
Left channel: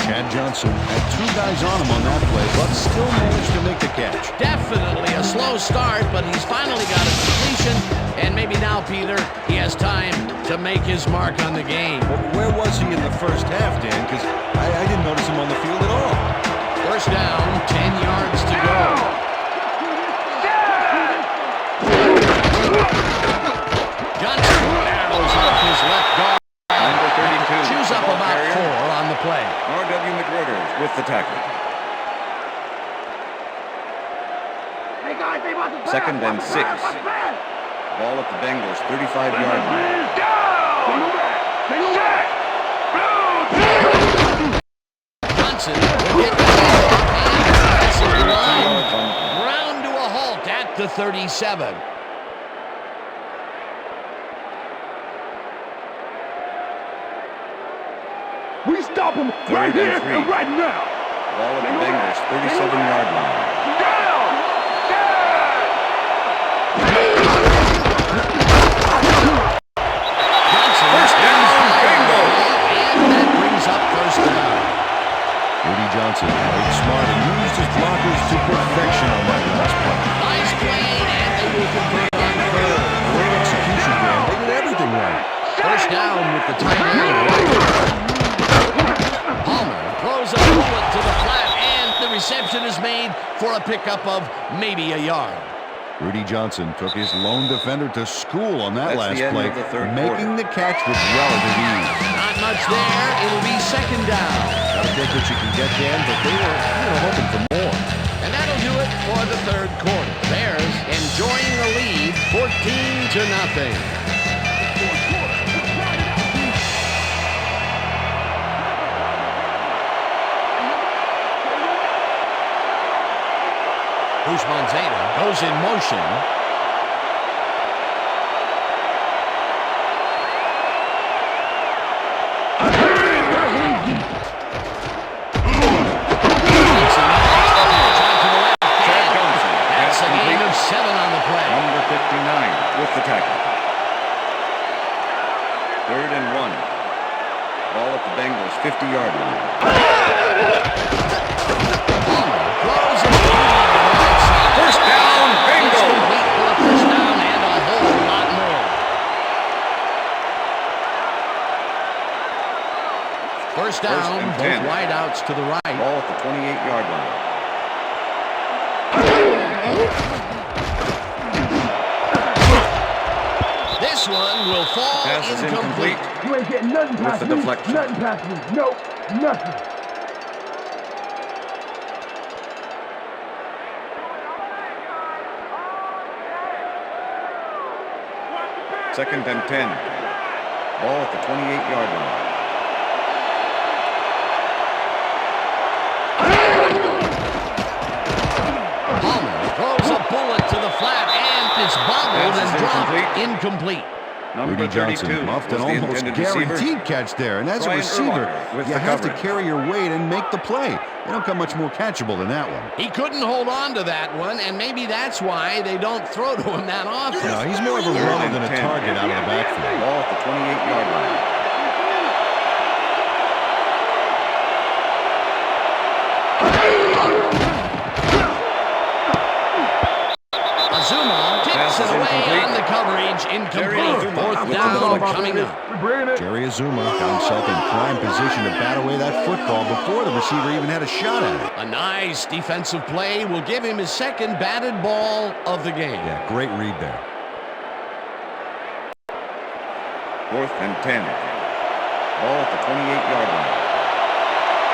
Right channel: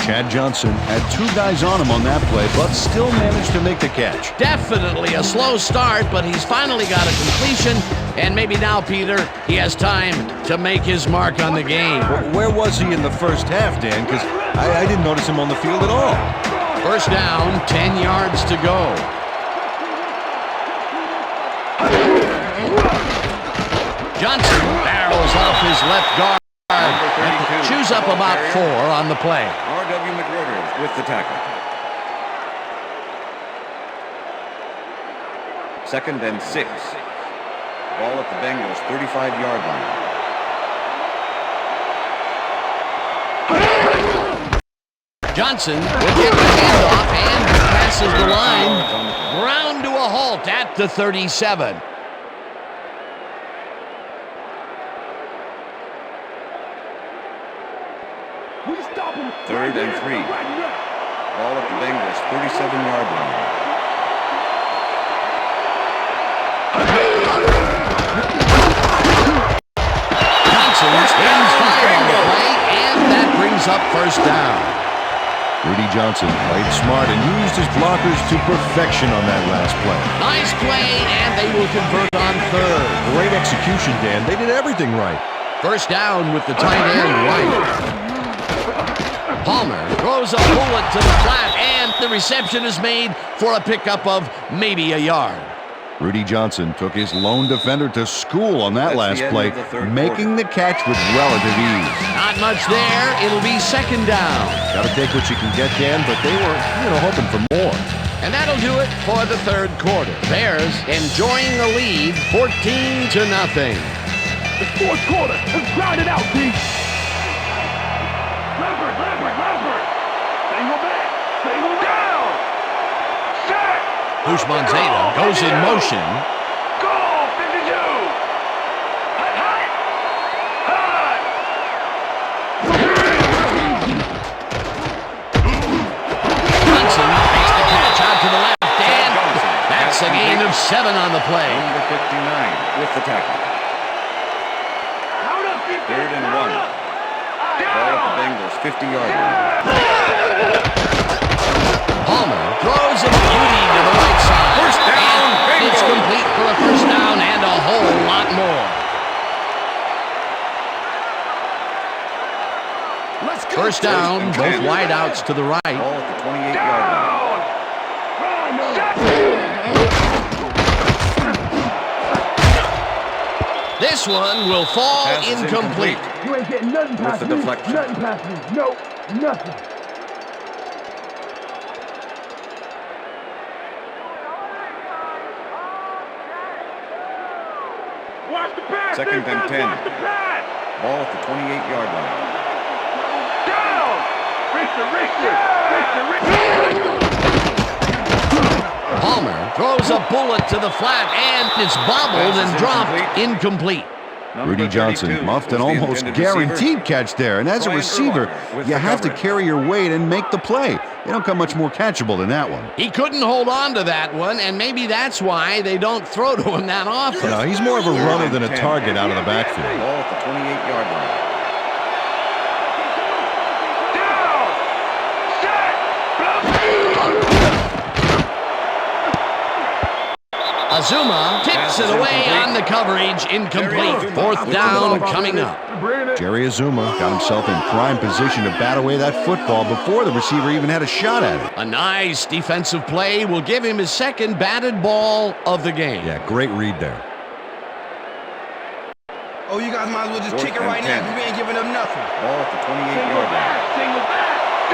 Chad Johnson had two guys on him on that play, but still managed to make the catch. Definitely a slow start, but he's finally got a completion, and maybe now, Peter, he has time to make his mark on the game. Where was he in the first half, Dan? Because I didn't notice him on the field at all. First down, 10 yards to go. Johnson barrels off his left guard. Number 32. Chews up about 4 on the play. R.W. McWhirters with the tackle. Second and 6. Ball at the Bengals 35-yard line. Johnson will get the handoff and passes the line. Ground to a halt at the 37. We stop him Third right here and 3. and right now. Ball at the Bengals 37-yard line. brings up first down. Rudy Johnson played smart and used his blockers to perfection on that last play. Nice play, and they will convert on third. Great execution, Dan. They did everything right. First down with the tight end right. Palmer throws a bullet to the flat, and the reception is made for a pickup of maybe a yard. Rudy Johnson took his lone defender to school on that last play, making the catch with relative ease. Not much there. It'll be second down. Got to take what you can get, Dan, but they were, hoping for more. And that'll do it for the third quarter. Bears enjoying the lead, 14-0. The fourth quarter. Let's grind it out, D. Lambert. Single back. Single down. Bushman Zeta goes in motion. Goal, 52. Johnson makes the catch out to the left. And Johnson. that's a gain of 7 on the play. Number 59 with the tackle. Third and 1. Ball at the Bengals 50-yard line. Palmer throws a beauty to the right side. First down, And Bengals. it's complete for a first down and a whole lot more. First down, and both 10. wideouts to the right. Ball at the 28-yard line. This one will fall Pass is incomplete. You ain't getting nothing past the me. deflection. Nothing past me. Nope. Nothing. Watch the pass. Second and 10. Watch the pass. Ball at the 28-yard line. Palmer throws a bullet to the flat, and it's bobbled Pass and is dropped incomplete. Number Rudy Johnson 32 muffed an was the almost intended receiver. guaranteed catch there. And as a Brian receiver, Urlacher with you the have to coverage. carry your weight and make the play. You don't come much more catchable than that one. He couldn't hold on to that one, and maybe that's why they don't throw to him that often. No, he's more of a runner than a 10. target out of the backfield. Ball at the 28-yard line. Azuma tips Pass it is away incomplete. on the coverage. Incomplete. Azuma Fourth with the down ball. coming up. Jerry Azuma got himself in prime position to bat away that football before the receiver even had a shot at it. A nice defensive play will give him his second batted ball of the game. Yeah, great read there. Oh, you guys might as well just Fourth kick it and right 10. now. You ain't giving them nothing. Ball at the 28-yard line.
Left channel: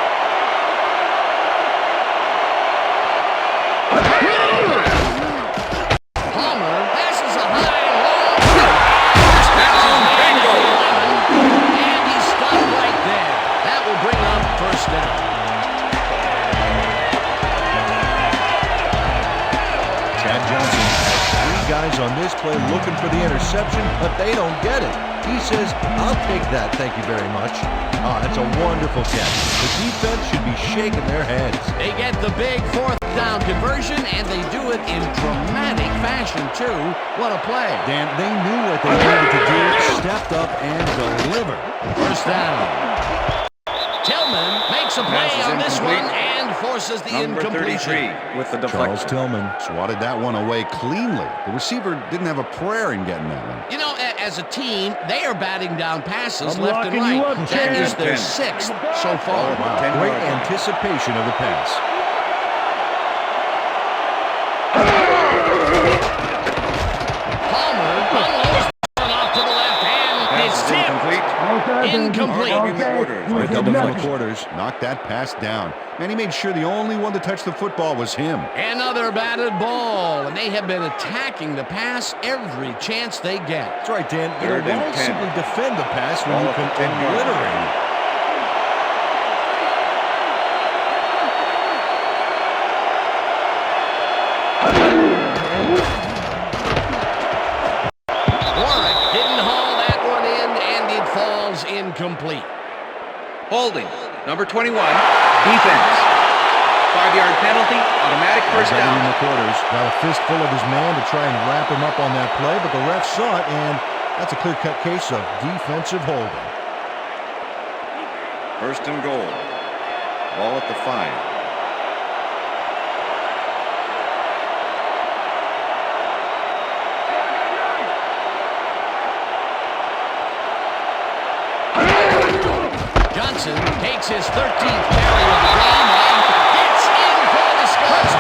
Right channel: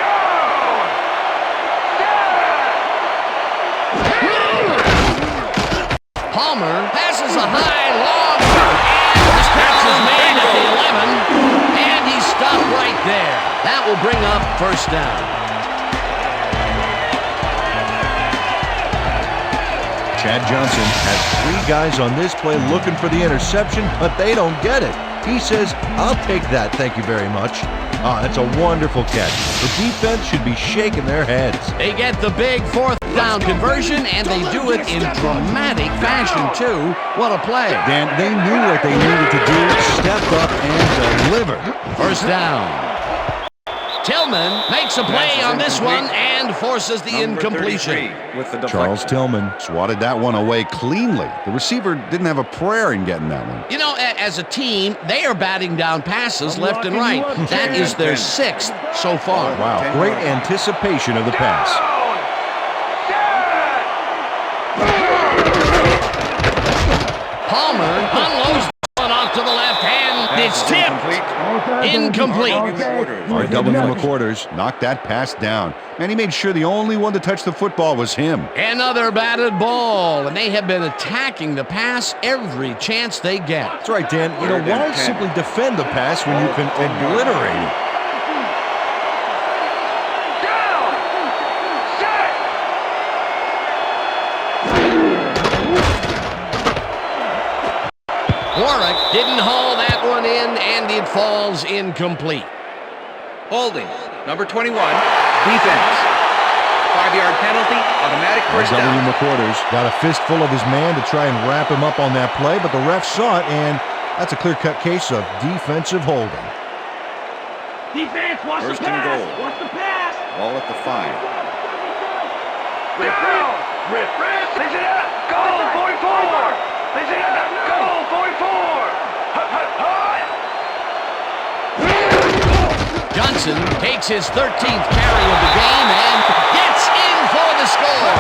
Palmer passes a high, long, and first catch is made at the 11, and he's stopped right there. That will bring up first down. Chad Johnson has 3 guys on this play looking for the interception, but they don't get it. He says, I'll take that, thank you very much. Ah, that's a wonderful catch. The defense should be shaking their heads. They get the big fourth down conversion, and they do it in dramatic fashion, too. What a play. Dan, they knew what they needed to do, stepped up and delivered. First down. Tillman makes a play Pass is on this incomplete. one and forces the Number incompletion. 33 with the deflection. Charles Tillman swatted that one away cleanly. The receiver didn't have a prayer in getting that one. You know, as a team, they are batting down passes I'm left and locking you right. up, That Chad. is their 10. 6th so far. Wow, 10 great yard line. anticipation of the pass. Palmer unloads the one off to the left hand. Pass It's is tipped. Incomplete. Art W. McQuarters knocked that pass down. Man, he made sure the only one to touch the football was him. Another batted ball, and they have been attacking the pass every chance they get. That's right, Dan. You know, Third and why 10. simply defend the pass when you Ball can at the 10-yard obliterate line. it? Warwick didn't haul that one in, and it falls incomplete. Holding. Number 21. Defense. 5-yard penalty. Automatic first W. down. McQuarters got a fistful of his man to try and wrap him up on that play, but the ref saw it, and that's a clear-cut case of defensive holding. Defense, First and goal. Ball at the 5. Johnson takes his 13th carry of the game and gets in for the score.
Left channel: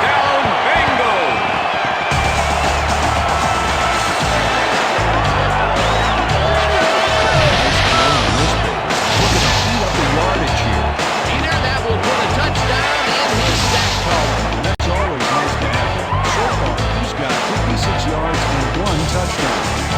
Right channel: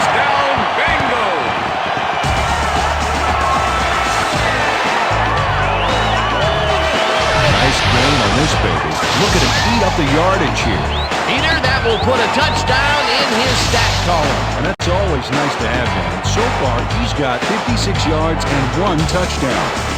Nice gain on this baby. Looking to eat up the yardage here. Peter, that will put a touchdown in his stat column. And that's always nice to have him. So far, he's got 56 yards and 1 touchdown.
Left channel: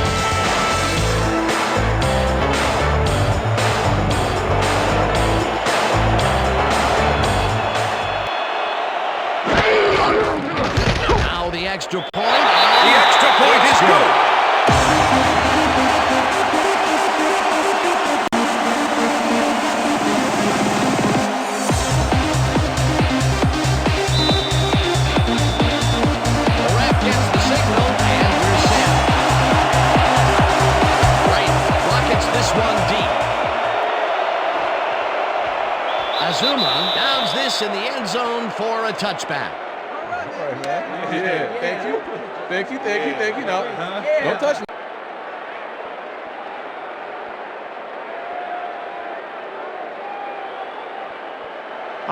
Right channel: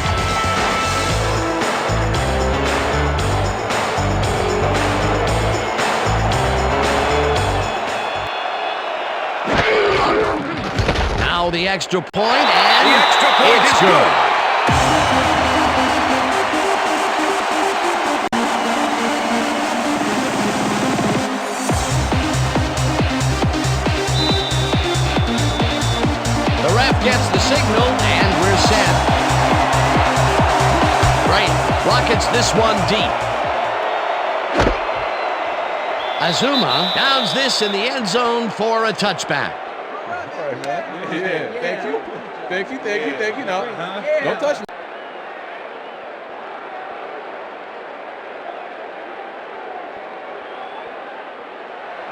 Now the extra point, and The extra point is good. the ref gets the signal, and we're set. Right, rockets this one deep. Azuma downs this in the end zone for a touchback. All right, man. Yeah, thank you. Thank you, thank you, thank you. No, don't touch me.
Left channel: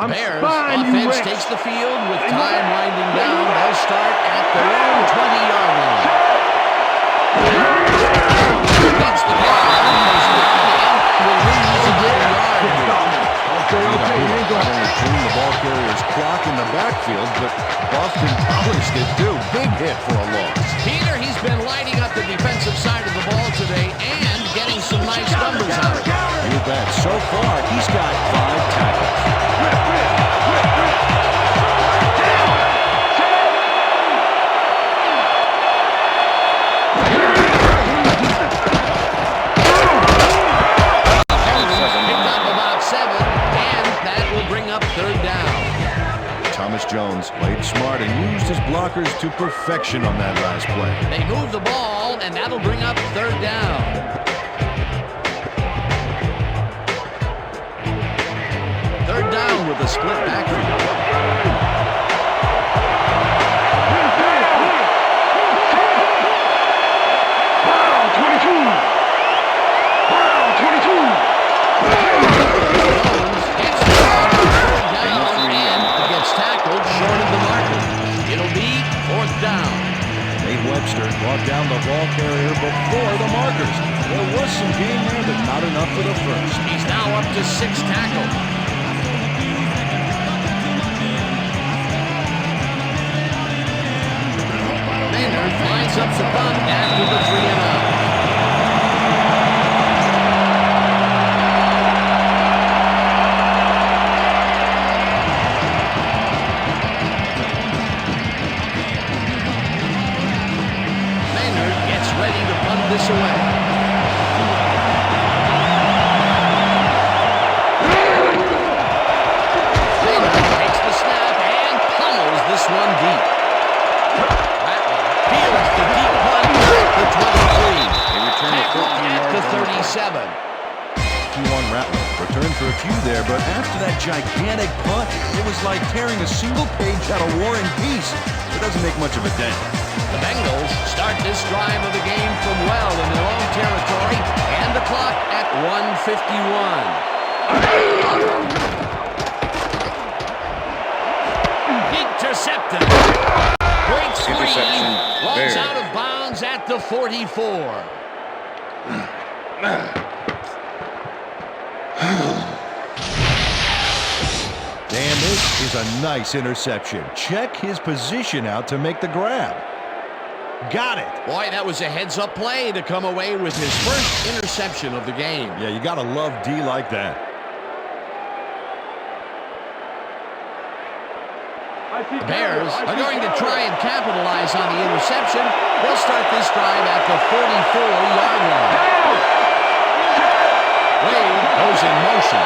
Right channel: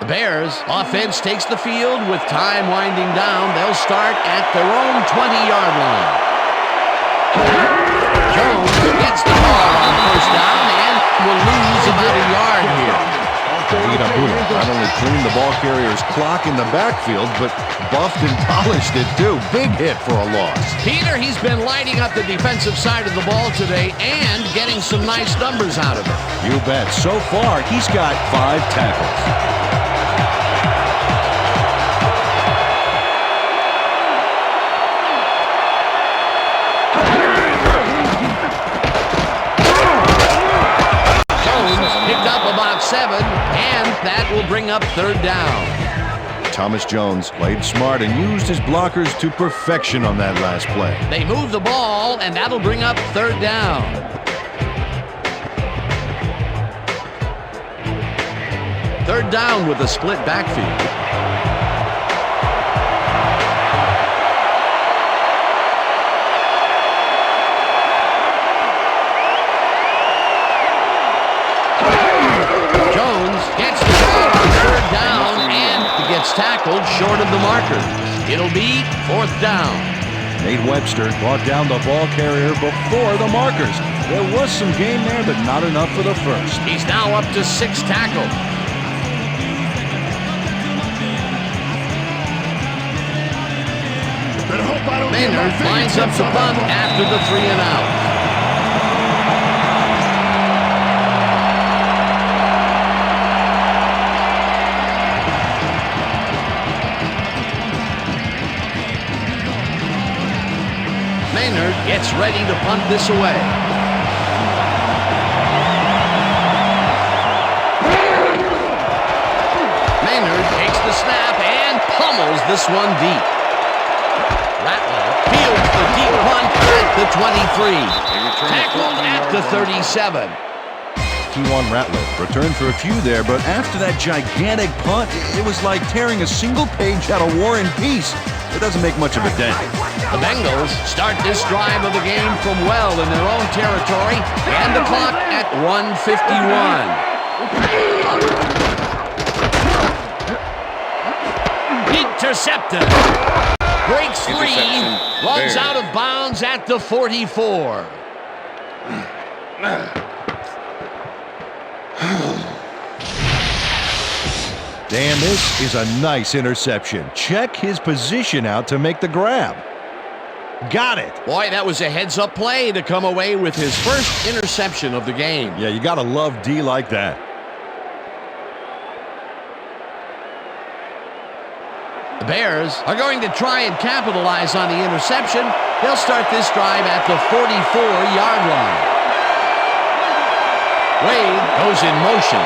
The Bears offense takes the field with time winding down. They'll start at their own 20-yard line. Jones gets the call on first down and will lose about a yard here. Not only cleaned the ball carrier's clock in the backfield, but buffed and polished it too. Big hit for a loss. Peter, he's been lighting up the defensive side of the ball today and getting some nice numbers out of it. You bet. So far, he's got 5 tackles. Picked up about 7, and that will bring up third down. Thomas Jones played smart and used his blockers to perfection on that last play. They move the ball, and that'll bring up third down. Third down with a split backfield. Gets the ball on third down and gets tackled short of the marker. It'll be fourth down. Nate Webster brought down the ball carrier before the markers. There was some gain there, but not enough for the first. He's now up to 6 tackles. Maynard lines up the punt after the 3-and-out. Maynard gets ready to punt this away. Maynard takes the snap and pummels this one deep. Ratliff fields the deep punt at the 23. Tackled at the 37. T1 Ratliff returned for a few there, but after that gigantic punt, it was like tearing a single page out of War and Peace. It doesn't make much of a dent. The Bengals start this drive of the game from well in their own territory, and the clock at 1:51. Intercepted. Breaks free, runs out of bounds at the 44. Dan, this is a nice interception. Check his position out to make the grab. Got it. Boy, that was a heads-up play to come away with his first interception of the game. Yeah, you got to love D like that. The Bears are going to try and capitalize on the interception. They'll start this drive at the 44-yard line. Wade goes in motion.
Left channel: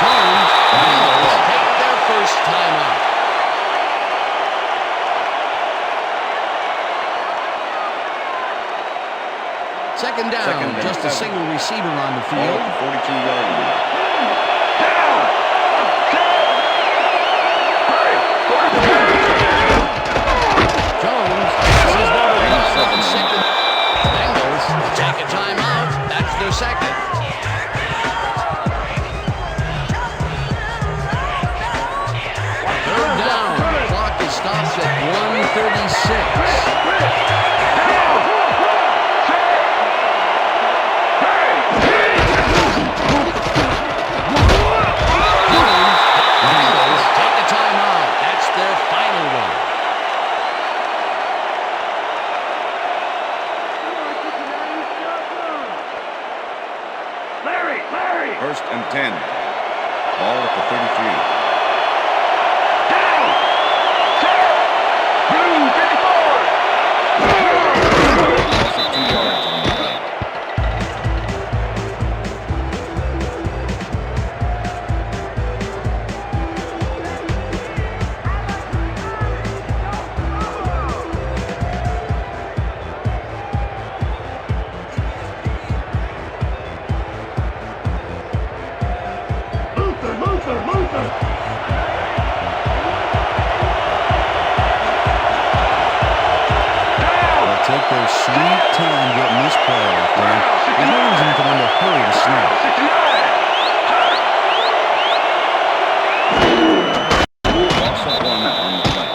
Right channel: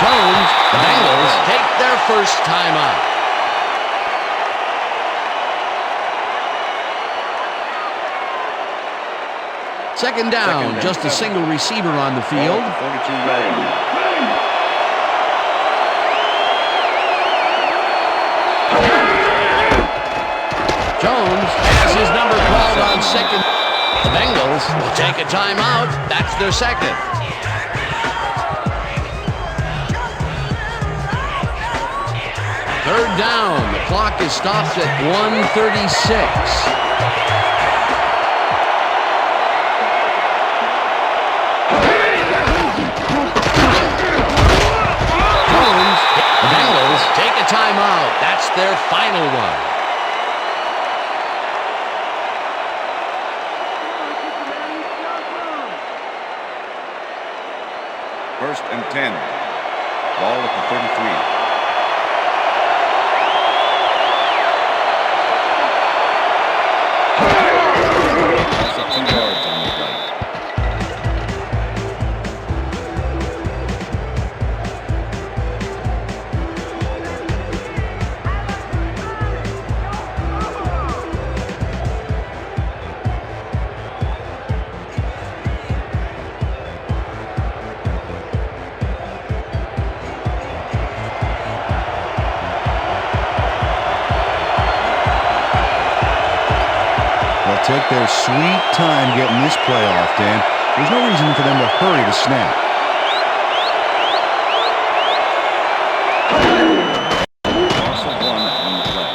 Jones, the Bengals take their first time out. Second down, just a single receiver on the field. 42-yard line. Jones has his number called on second. The Bengals will take a timeout. That's their second. Third down. The clock is stopped at 1:36. The Bengals take a timeout. That's their final one. First and 10. Ball at the 33. Also 2 yards on the play. Take their sweet time getting this play off, Dan. There's no reason for them to hurry the snap. Loss of 1 on the play.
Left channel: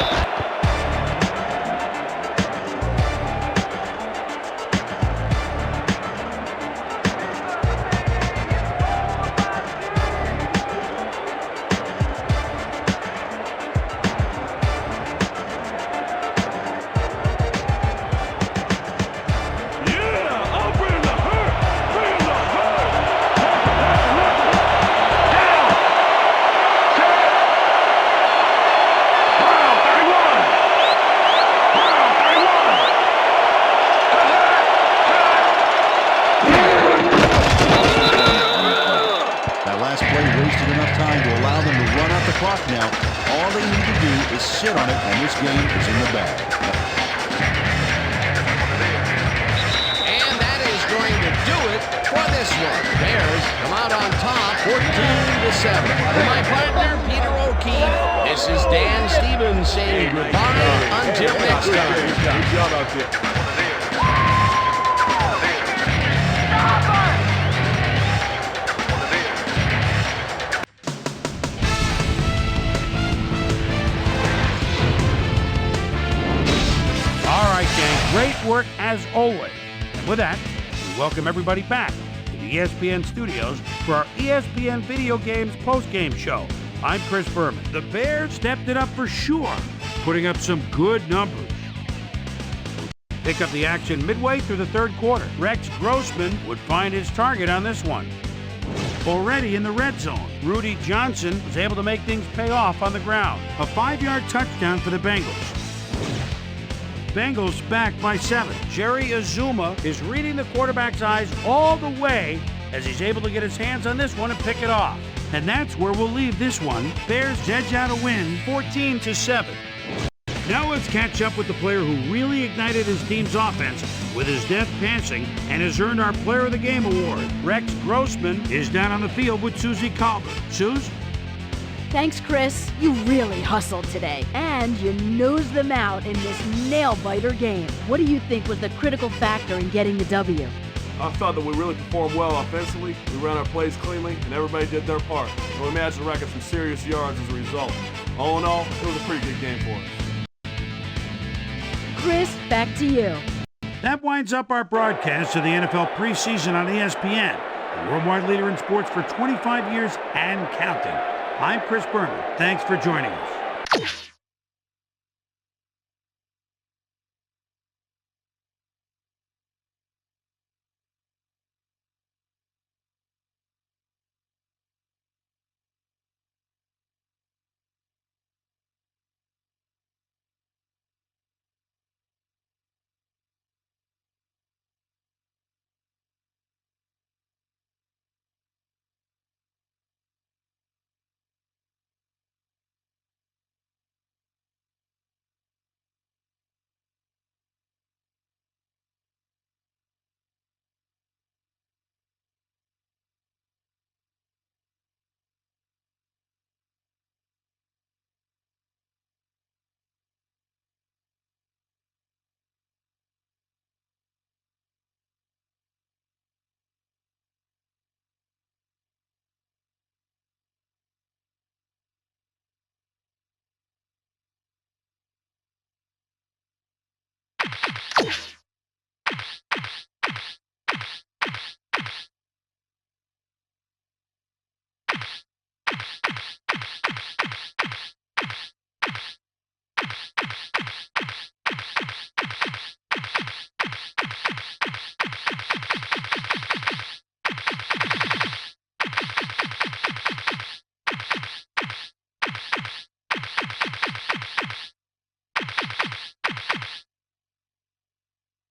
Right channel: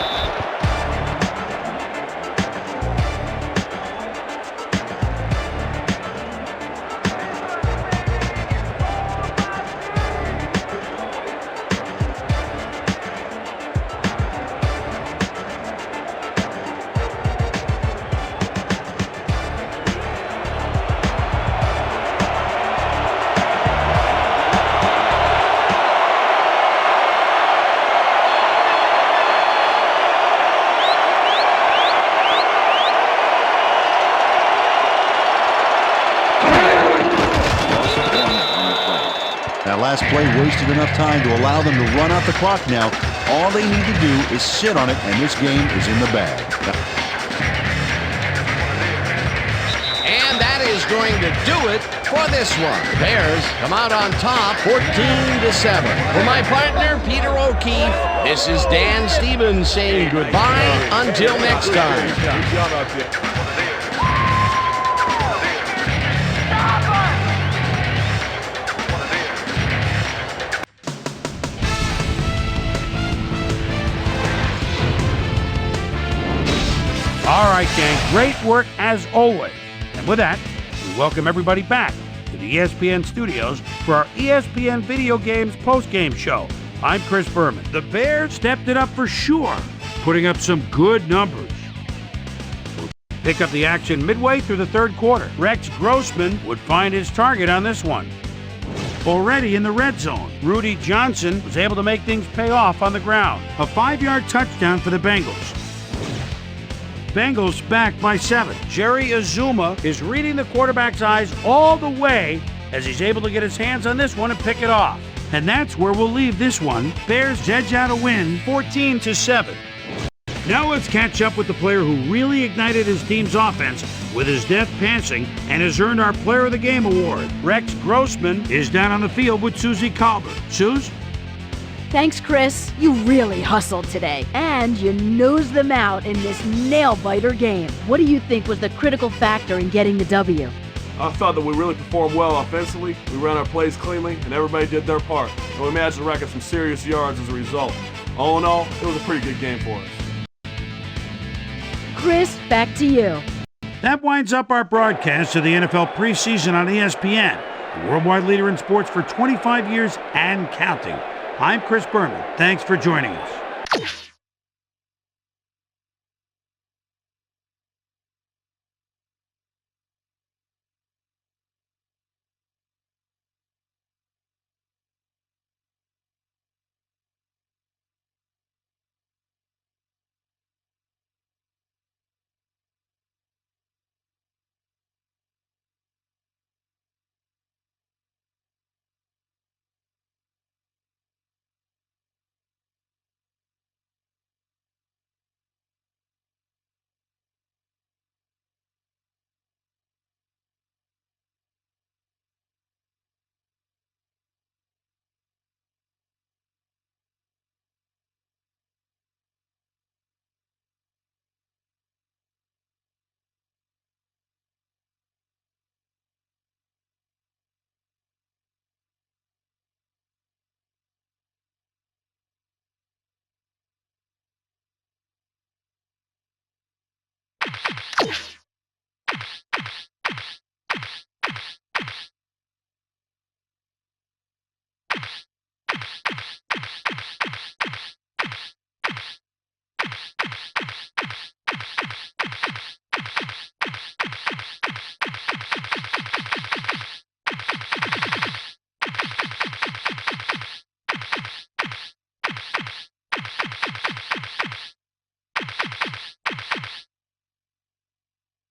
That last play wasted enough time to allow them to run out the clock now. All they need to do is sit on it, and this game is in the bag. And that is going to do it for this one. The Bears come out on top 14-7. For my partner, Peter O'Keefe, this is Dan Stevens saying goodbye until next time. Good job out there. All right, gang, great work as always. And with that, we welcome everybody back to the ESPN studios for our ESPN Video Games post-game show. I'm Chris Berman. The Bears stepped it up for sure, putting up some good numbers. Pick up the action midway through the third quarter. Rex Grossman would find his target on this one. Already in the red zone, Rudy Johnson was able to make things pay off on the ground. A 5-yard touchdown for the Bengals. Bengals back by 7. Jerry Azuma is reading the quarterback's eyes all the way as he's able to get his hands on this one and pick it off. And that's where we'll leave this one. Bears edge out a win, 14-7. Now let's catch up with the player who really ignited his team's offense with his deft passing and has earned our Player of the Game award. Rex Grossman is down on the field with Susie Colbert. Suze? Thanks, Chris. You really hustled today, and you nosed them out in this nail-biter game. What do you think was the critical factor in getting the W? I thought that we really performed well offensively. We ran our plays cleanly, and everybody did their part. And we managed to rack up some serious yards as a result. All in all, it was a pretty good game for us. Chris, back to you. That winds up our broadcast of the NFL preseason on ESPN, the worldwide leader in sports for 25 years and counting. I'm Chris Berman. Thanks for joining us.